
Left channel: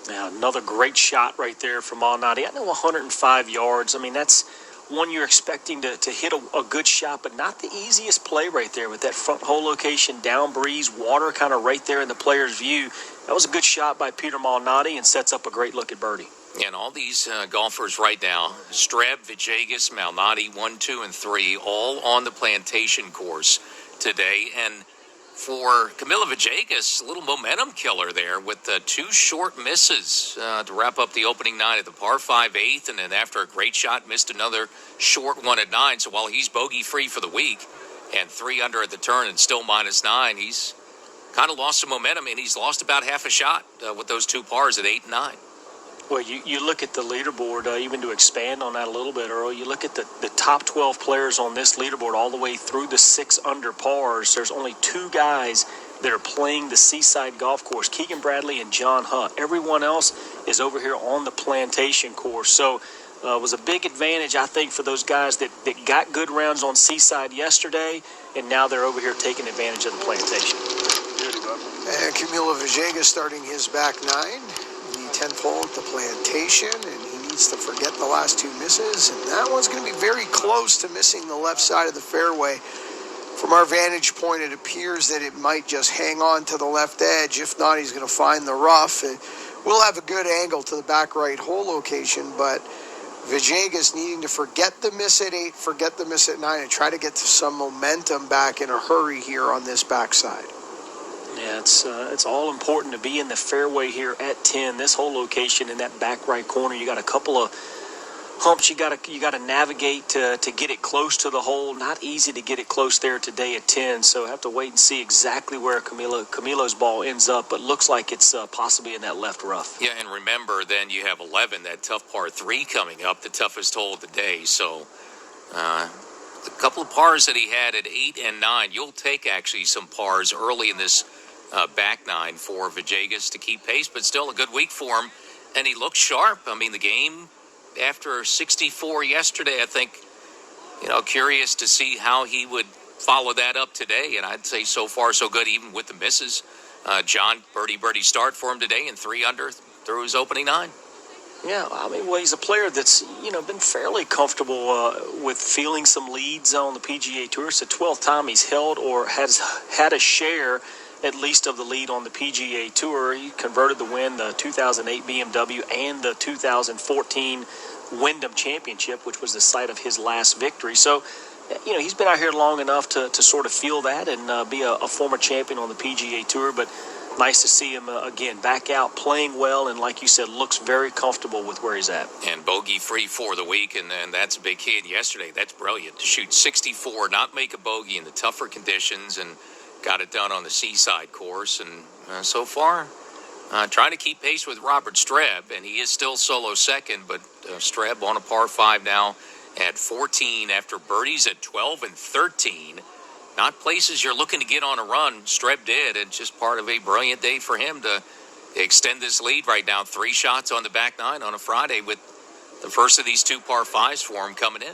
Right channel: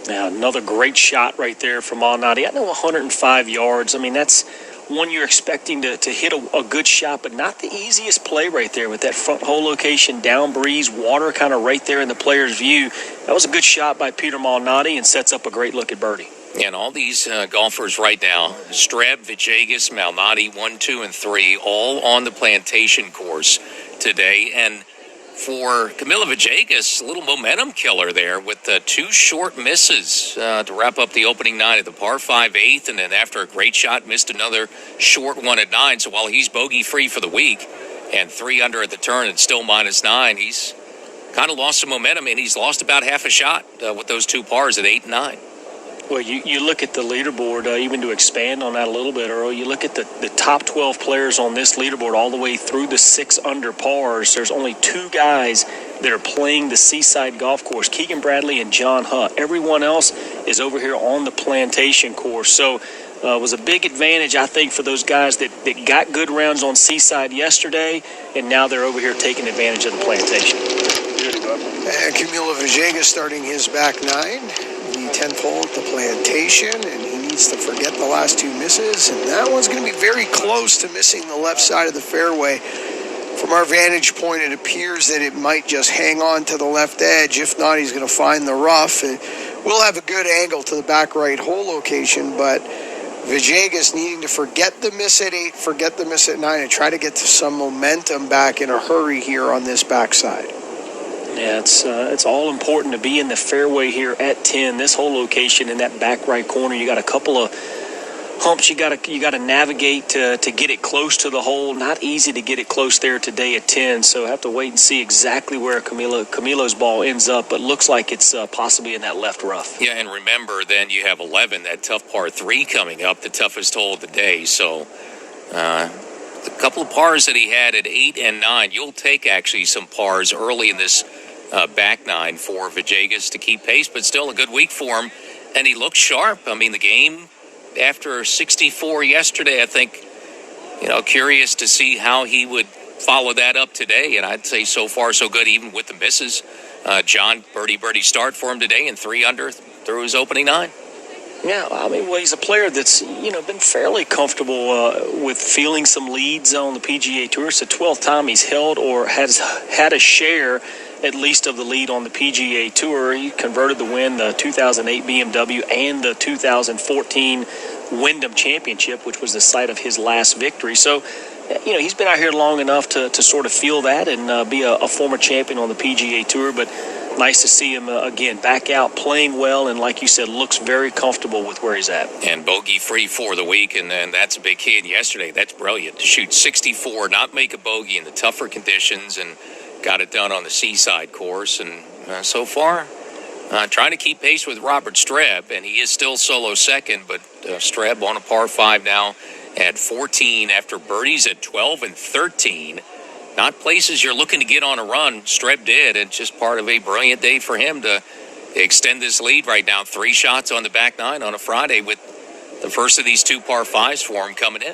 Now, another great shot right there from Malnati. I know 105 yards. I mean, that's one you're expecting to hit a good shot, but not the easiest play right there with that front hole location, down breeze, water kind of right there in the player's view. That was a good shot by Peter Malnati and sets up a great look at birdie. And all these golfers right now, Streb, Villegas, Malnati, 1, 2, and 3, all on the Plantation course today. And for Camilo Villegas, a little momentum killer there with 2 short misses to wrap up the opening 9 at the par 5 8th, and then after a great shot, missed another short one at 9. So while he's bogey-free for the week and 3 under at the turn and still -9, he's kind of lost some momentum, and he's lost about half a shot with those 2 pars at 8 and 9. Well, you look at the leaderboard, even to expand on that a little bit, Earl, you look at the top 12 players on this leaderboard all the way through the 6 under pars. There's only 2 guys that are playing the Seaside golf course, Keegan Bradley and John Hutt. Everyone else is over here on the Plantation course. So it was a big advantage, I think, for those guys that got good rounds on Seaside yesterday, and now they're over here taking advantage of the Plantation. And Camilo Villegas starting his back 9. The 10th hole at the Plantation, and he needs to forget the last 2 misses, and that one's going to be very close to missing the left side of the fairway. From our vantage point, it appears that it might just hang on to the left edge. If not, he's going to find the rough. We'll have a good angle to the back right hole location, but Villegas needing to forget the miss at 8, forget the miss at 9, and try to get some momentum back in a hurry here on this backside. Yeah, it's all important to be in the fairway here at 10. This whole location in that back right corner, you got a couple of humps you got to navigate to get it close to the hole. Not easy to get it close there today at 10. So have to wait and see exactly where Camilo's ball ends up. But looks like it's possibly in that left rough. Yeah, and remember, then you have 11, that tough par 3 coming up, the toughest hole of the day. So the couple of pars that he had at 8 and 9, you'll take actually some pars early in this back 9 for Villegas to keep pace, but still a good week for him, and he looks sharp. I mean, the game after 64 yesterday, I think, curious to see how he would follow that up today, and I'd say so far so good, even with the misses. John, birdie start for him today, and 3 under through his opening 9. Yeah, I mean, well, he's a player that's, been fairly comfortable with feeling some leads on the PGA Tour. It's the 12th time he's held or has had a share at least of the lead on the PGA Tour. He converted the win, the 2008 BMW and the 2014 Wyndham Championship, which was the site of his last victory. So, he's been out here long enough to sort of feel that and be a former champion on the PGA Tour. But nice to see him, again, back out, playing well, and like you said, looks very comfortable with where he's at. And bogey-free for the week, and then that's a big hit yesterday. That's brilliant. To shoot 64, not make a bogey in the tougher conditions, and got it done on the Seaside course. And so far, trying to keep pace with Robert.Streb, and he is still solo second, but Streb on a par 5 now at 14 after birdies at 12 and 13. Not places you're looking to get on a run. Streb did. It's just part of a brilliant day for him to extend this lead right now. 3 shots on the back 9 on a Friday with the first of these 2 par 5s for him coming in.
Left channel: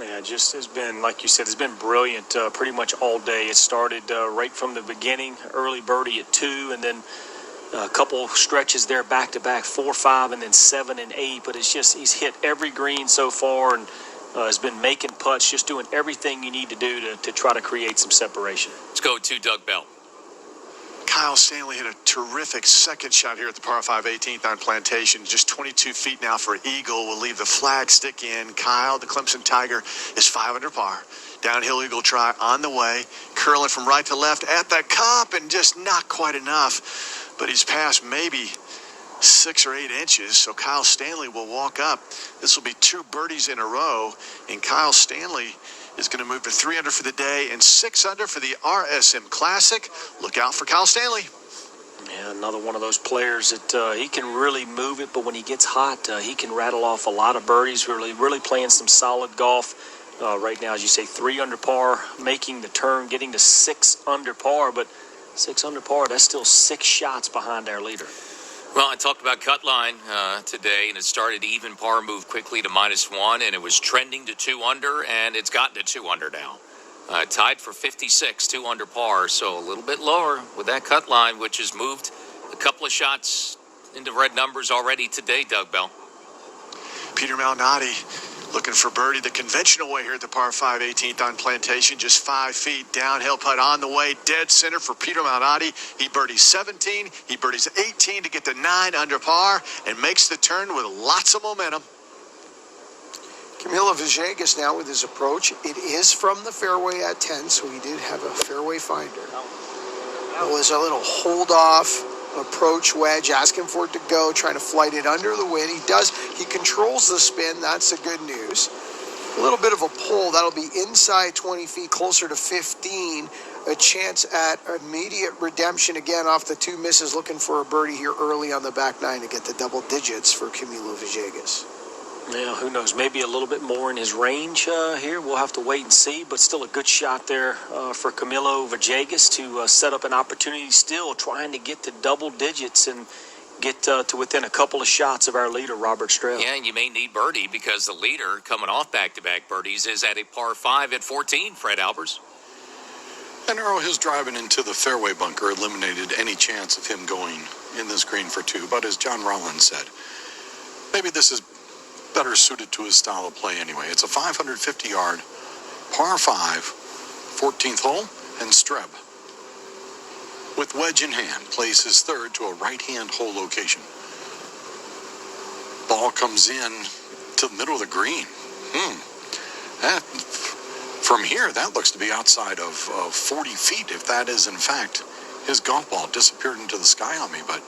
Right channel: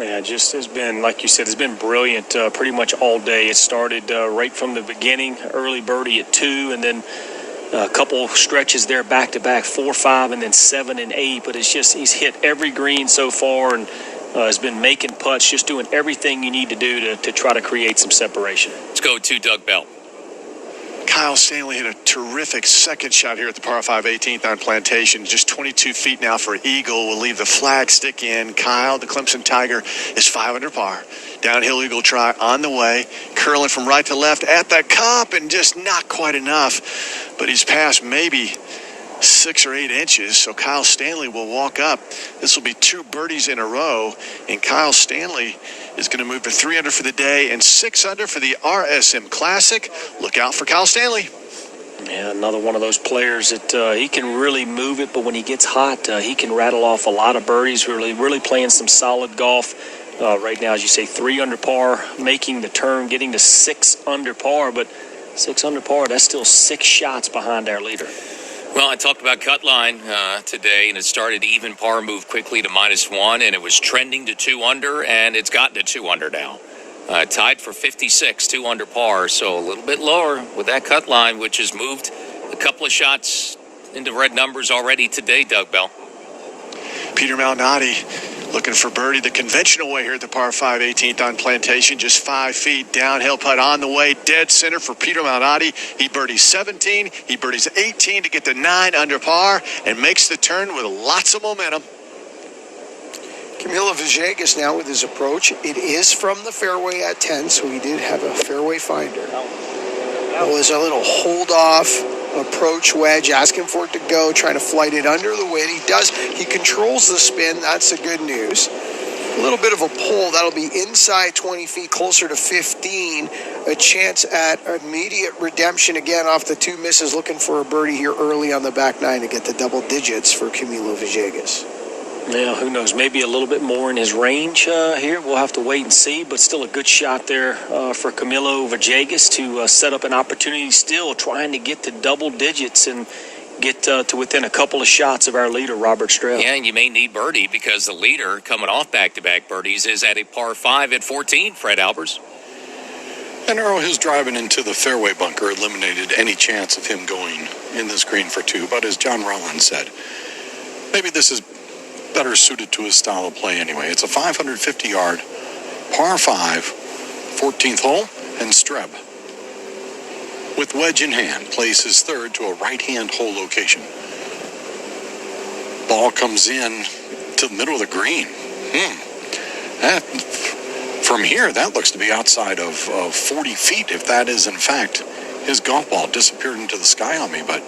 Yeah, it just has been, like you said, it's been brilliant pretty much all day. It started right from the beginning, early birdie at 2, and then a couple stretches there back-to-back, 4, 5, and then 7 and 8. But it's just he's hit every green so far and has been making putts, just doing everything you need to do to try to create some separation. Let's go to Doug Bell. Kyle Stanley hit a terrific second shot here at the par 5 18th on Plantation. Just 22 feet now for eagle. Will leave the flag stick in. Kyle, the Clemson Tiger, is 5 under par. Downhill eagle try on the way. Curling from right to left at the cup and just not quite enough. But he's passed maybe 6 or 8 inches. So Kyle Stanley will walk up. This will be 2 birdies in a row. And Kyle Stanley is going to move to 3 under for the day and 6 under for the RSM Classic. Look out for Kyle Stanley. Yeah, another one of those players that he can really move it, but when he gets hot, he can rattle off a lot of birdies. Really playing some solid golf right now, as you say, 3 under par, making the turn, getting to 6 under par. But 6 under par, that's still 6 shots behind our leader. Well, I talked about cut line today, and it started even par, moved quickly to -1, and it was trending to 2 under, and it's gotten to 2 under now. Tied for 56, 2 under par, so a little bit lower with that cut line, which has moved a couple of shots into red numbers already today, Doug Bell. Peter Malnati looking for birdie the conventional way here at the par 5 18th on Plantation. Just 5 feet downhill putt on the way, dead center for Peter Malnati. He birdies 17, he birdies 18 to get to 9 under par and makes the turn with lots of momentum. Camilo Villegas now with his approach. It is from the fairway at 10, so he did have a fairway finder. It was a little hold-off approach wedge, asking for it to go, trying to flight it under the wind. He does. He controls the spin. That's the good news. A little bit of a pull. That'll be inside 20 feet, closer to 15. A chance at immediate redemption again off the 2 misses. Looking for a birdie here early on the back 9 to get the double digits for Camilo Villegas. Now, who knows? Maybe a little bit more in his range here. We'll have to wait and see, but still a good shot there for Camilo Villegas to set up an opportunity, still trying to get to double digits and get to within a couple of shots of our leader, Robert.Streb. Yeah, and you may need birdie because the leader coming off back-to-back birdies is at a par 5 at 14, Fred Albers. And Earl, his driving into the fairway bunker eliminated any chance of him going in this green for 2. But as John Rollins said, maybe this is better suited to his style of play anyway. It's a 550-yard par 5, 14th hole, and Streb, with wedge in hand, plays his 3rd to a right-hand hole location. Ball comes in to the middle of the green. From here, that looks to be outside of 40 feet, if that is, in fact, his golf ball. Disappeared into the sky on me, but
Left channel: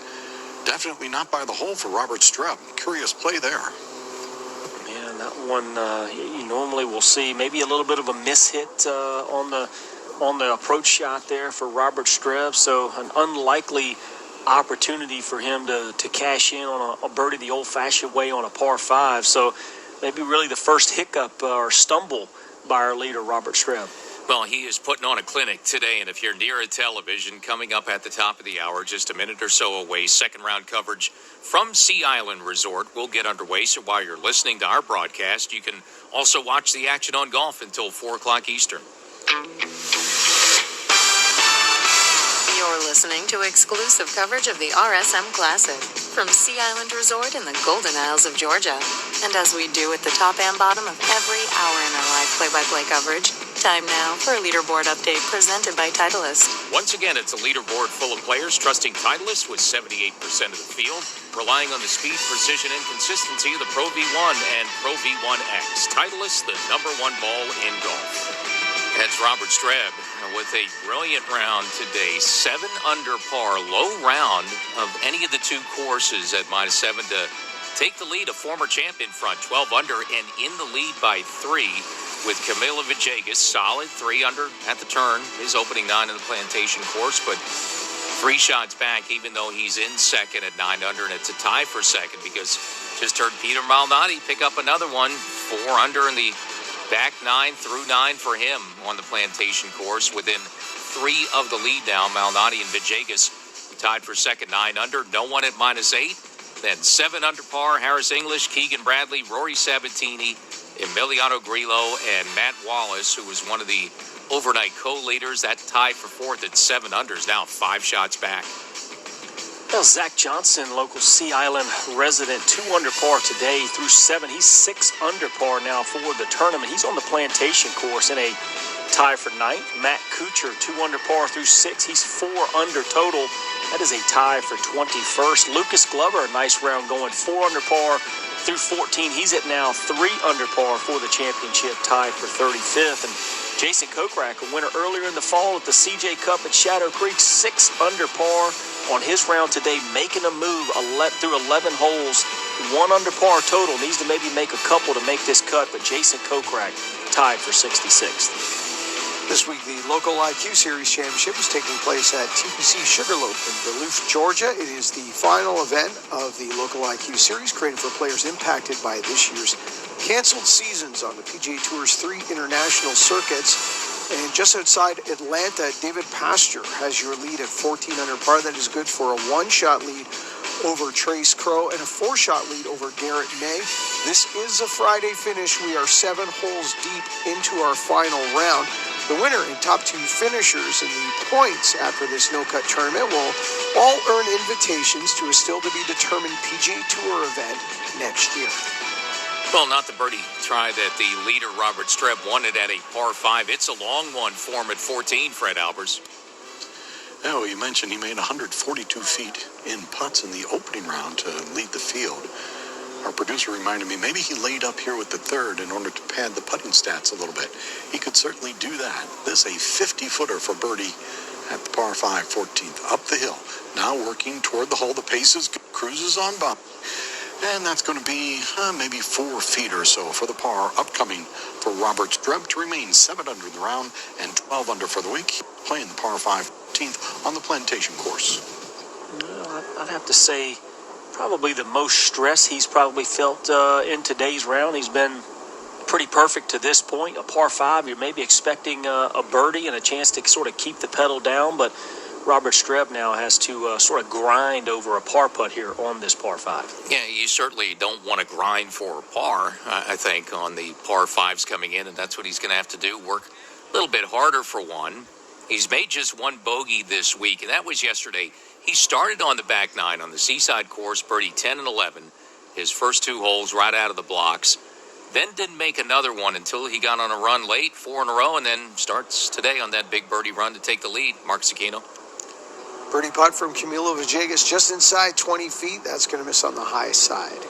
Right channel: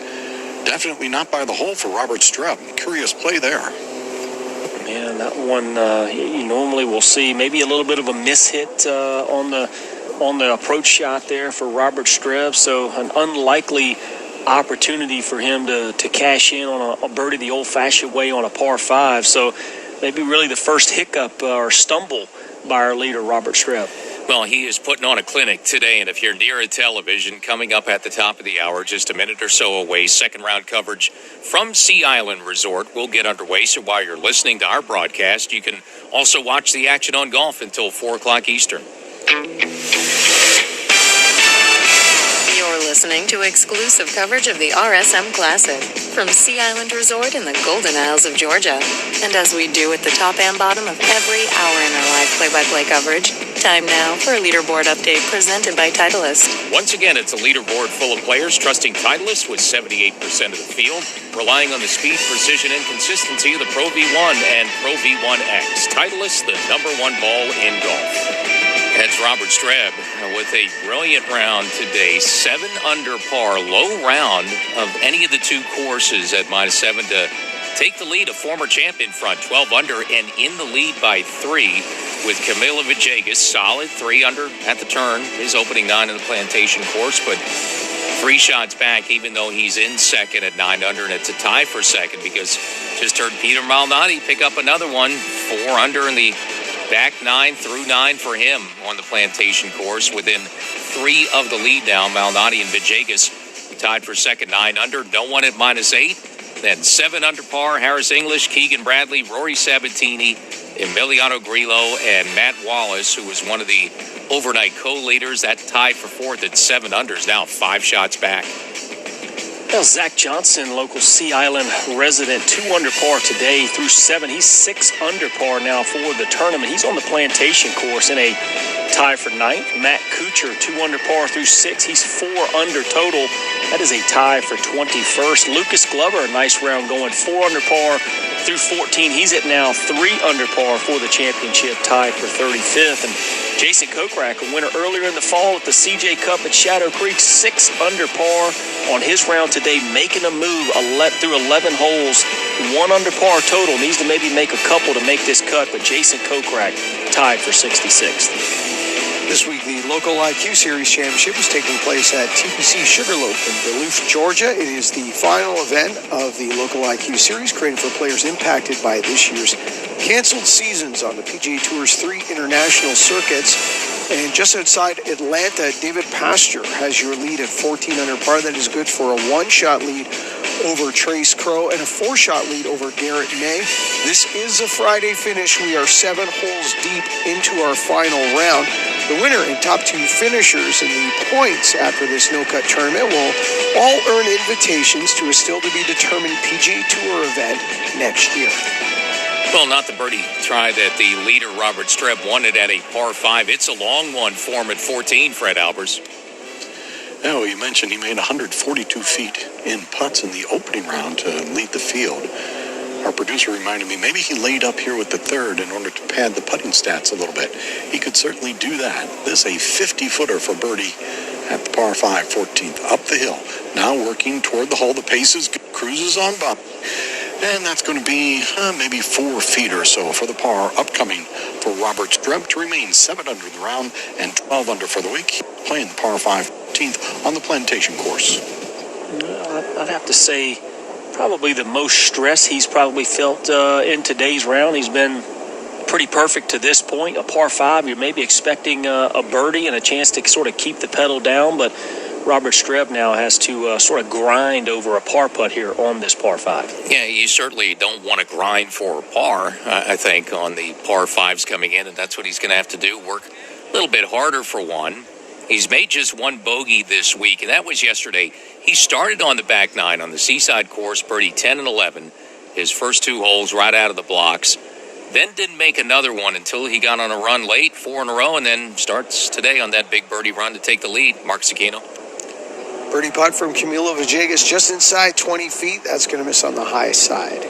definitely not by the hole for Robert.Streb. Curious play there. Man, that one you normally will see maybe a little bit of a mishit on the approach shot there for Robert.Streb. So an unlikely opportunity for him to cash in on a birdie the old-fashioned way on a par 5. So maybe really the first hiccup or stumble by our leader, Robert.Streb. Well, he is putting on a clinic today, and if you're near a television, coming up at the top of the hour, just a minute or so away, second round coverage from Sea Island Resort will get underway. So while you're listening to our broadcast, you can also watch the action on golf until 4 o'clock Eastern. You're listening to exclusive coverage of the RSM Classic from Sea Island Resort in the Golden Isles of Georgia. And as we do at the top and bottom of every hour in our live play-by-play coverage, time now for a leaderboard update presented by Titleist. Once again, it's a leaderboard full of players trusting Titleist with 78% of the field, relying on the speed, precision, and consistency of the Pro V1 and Pro V1X. Titleist, the #1 ball in golf. That's Robert.Streb with a brilliant round today. 7 under par, low round of any of the 2 courses at -7 to take the lead. A former champ in front, 12 under, and in the lead by 3 with Camilo Villegas. Solid 3 under at the turn, his opening 9 in the Plantation course, but 3 shots back, even though he's in second at 9 under, and it's a tie for second because just heard Peter Malnati pick up another one, 4 under in the back 9 through 9 for him on the Plantation course, within 3 of the lead now. Malnati and Villegas tied for second, 9 under. No one at -8. Then 7 under par, Harris English, Keegan Bradley, Rory Sabatini, Emiliano Grillo, and Matt Wallace, who was one of the overnight co-leaders. That tied for fourth at 7 unders, now 5 shots back. Well, Zach Johnson, local Sea Island resident, 2 under par today through 7. He's 6 under par now for the tournament. He's on the Plantation course in a tie for 9th. Matt Kuchar, 2 under par through 6. He's 4 under total. That is a tie for 21st. Lucas Glover, a nice round going, 4 under par through 14. He's at now 3 under par for the championship, tied for 35th. And Jason Kokrak, a winner earlier in the fall at the CJ Cup at Shadow Creek, 6 under par on his round today, making a move through 11 holes, 1 under par total. Needs to maybe make a couple to make this cut, but Jason Kokrak tied for 66th. This week, the local IQ Series Championship is taking place at TPC Sugarloaf in Duluth, Georgia. It is the final event of the local IQ Series, created for players impacted by this year's canceled seasons on the PGA Tour's 3 international circuits. And just outside Atlanta, David Pasture has your lead at 14 under par. That is good for a 1-shot lead over Trace Crow and a 4-shot lead over Garrett May. This is a Friday finish. We are 7 holes deep into our final round. The winner and top 2 finishers in the points after this no-cut tournament will all earn invitations to a still-to-be-determined PGA Tour event next year. Well, not the birdie try that the leader, Robert.Streb, wanted at a par 5. It's a long one for him at 14, Fred Albers. Oh, you mentioned he made 142 feet in putts in the opening round to lead the field. Our producer reminded me maybe he laid up here with the third in order to pad the putting stats a little bit. He could certainly do that. This is a 50-footer for birdie at the par 5, 14th, up the hill. Now working toward the hole. The pace is good. Cruises on by. And that's going to be maybe 4 feet or so for the par upcoming for Robert.Streb to remain 7 under the round and 12 under for the week. Playing the par 5, 14th on the Plantation course. I'd have to say probably the most stress he's probably felt in today's round. He's been pretty perfect to this point. A par 5, you're maybe expecting a birdie and a chance to sort of keep the pedal down, but Robert.Streb now has to sort of grind over a par putt here on this par 5. Yeah, you certainly don't want to grind for a par, I think, on the par 5s coming in, and that's what he's going to have to do, work a little bit harder for one. He's made just 1 bogey this week, and that was yesterday. He started on the back 9 on the Seaside course, birdie 10 and 11, his first 2 holes right out of the blocks. Then didn't make another one until he got on a run late, 4 in a row, and then starts today on that big birdie run to take the lead. Mark Cicchino. Birdie putt from Camilo Villegas just inside 20 feet. That's going to miss on the high side.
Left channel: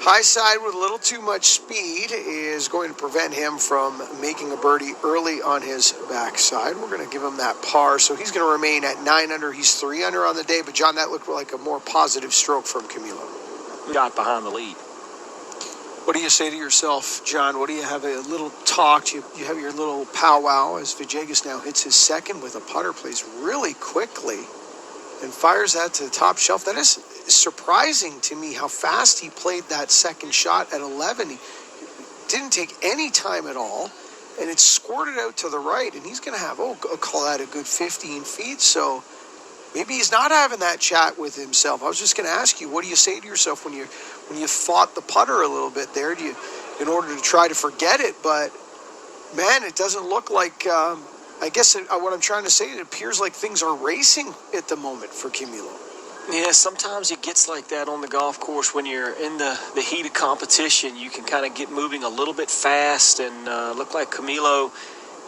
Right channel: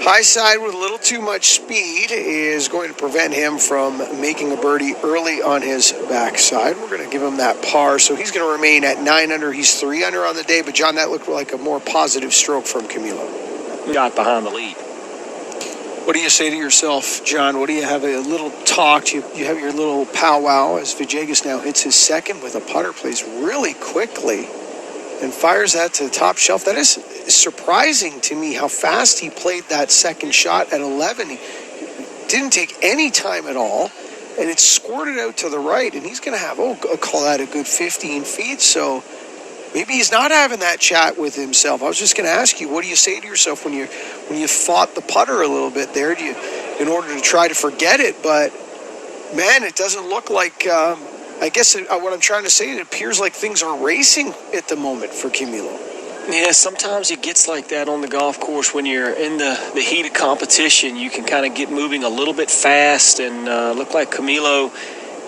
High side with a little too much speed is going to prevent him from making a birdie early on his backside. We're going to give him that par, so he's going to remain at 9 under. He's 3 under on the day, but John, that looked like a more positive stroke from Camilo. Got behind the lead. What do you say to yourself, John? What do you have a little talk? You have your little powwow as Villegas now hits his second with a putter, plays really quickly and fires that to the top shelf. That is surprising to me how fast he played that second shot at 11. He didn't take any time at all, and it squirted out to the right, and he's going to have, I'll call that a good 15 feet. So maybe he's not having that chat with himself. I was just going to ask you, what do you say to yourself when you fought the putter a little bit there, in order to try to forget it? But man, it doesn't look like. I guess what I'm trying to say, it appears like things are racing at the moment for Camilo. Yeah, sometimes it gets like that on the golf course when you're in the heat of competition. You can kind of get moving a little bit fast, and look like Camilo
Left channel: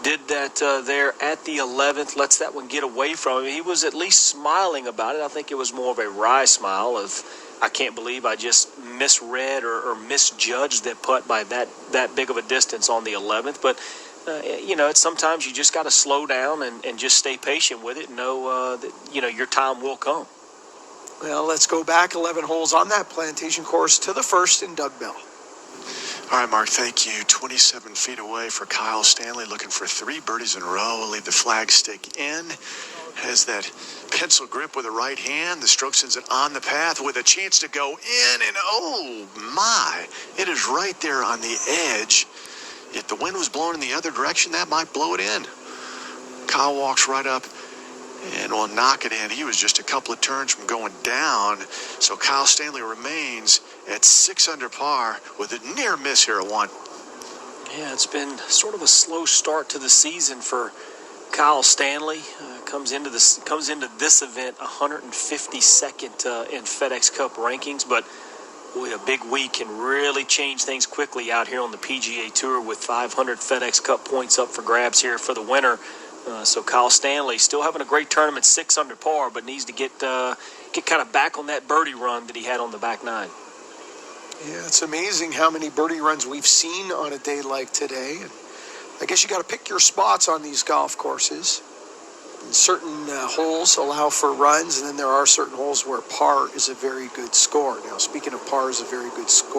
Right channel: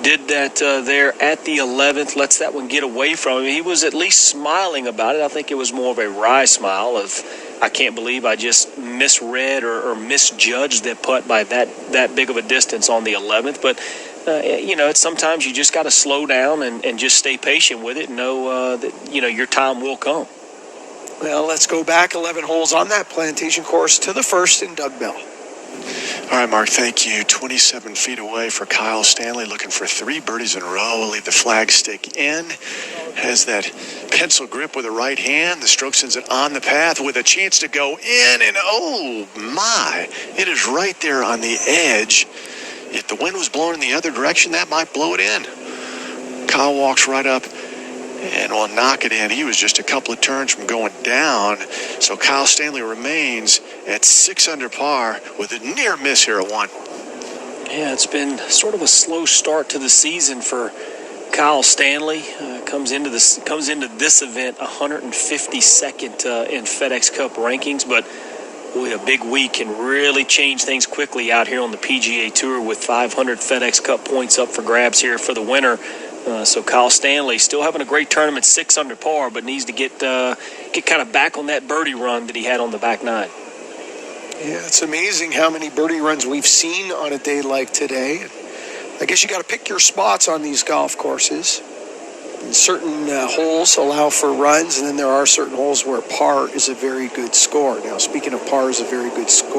did that there at the 11th, lets that one get away from him. He was at least smiling about it. I think it was more of a wry smile of, I can't believe I just misread or misjudged that putt by that big of a distance on the 11th. But, it's sometimes you just got to slow down and just stay patient with it and know that, your time will come. Well, let's go back 11 holes on that Plantation course to the first in Doug Bell. All right, Mark, thank you. 27 feet away for Kyle Stanley, looking for 3 birdies in a row. Will leave the flag stick in. Has that pencil grip with the right hand. The stroke sends it on the path with a chance to go in. And oh my, it is right there on the edge. If the wind was blowing in the other direction, that might blow it in. Kyle walks right up and will knock it in. He was just a couple of turns from going down. So Kyle Stanley remains at 6 under par with a near miss here at 1. Yeah, it's been sort of a slow start to the season for Kyle Stanley. Comes into this event 152nd in FedEx Cup rankings, but boy, a big week can really change things quickly out here on the PGA Tour with 500 FedEx Cup points up for grabs here for the winner. So Kyle Stanley still having a great tournament, 6 under par, but needs to get kind of back on that birdie run that he had on the back nine. Yeah, it's amazing how many birdie runs we've seen on a day like today. I guess you got to pick your spots on these golf courses. And certain holes allow for runs, and then there are certain holes where par is a very good score. Now, speaking of par is a very good score,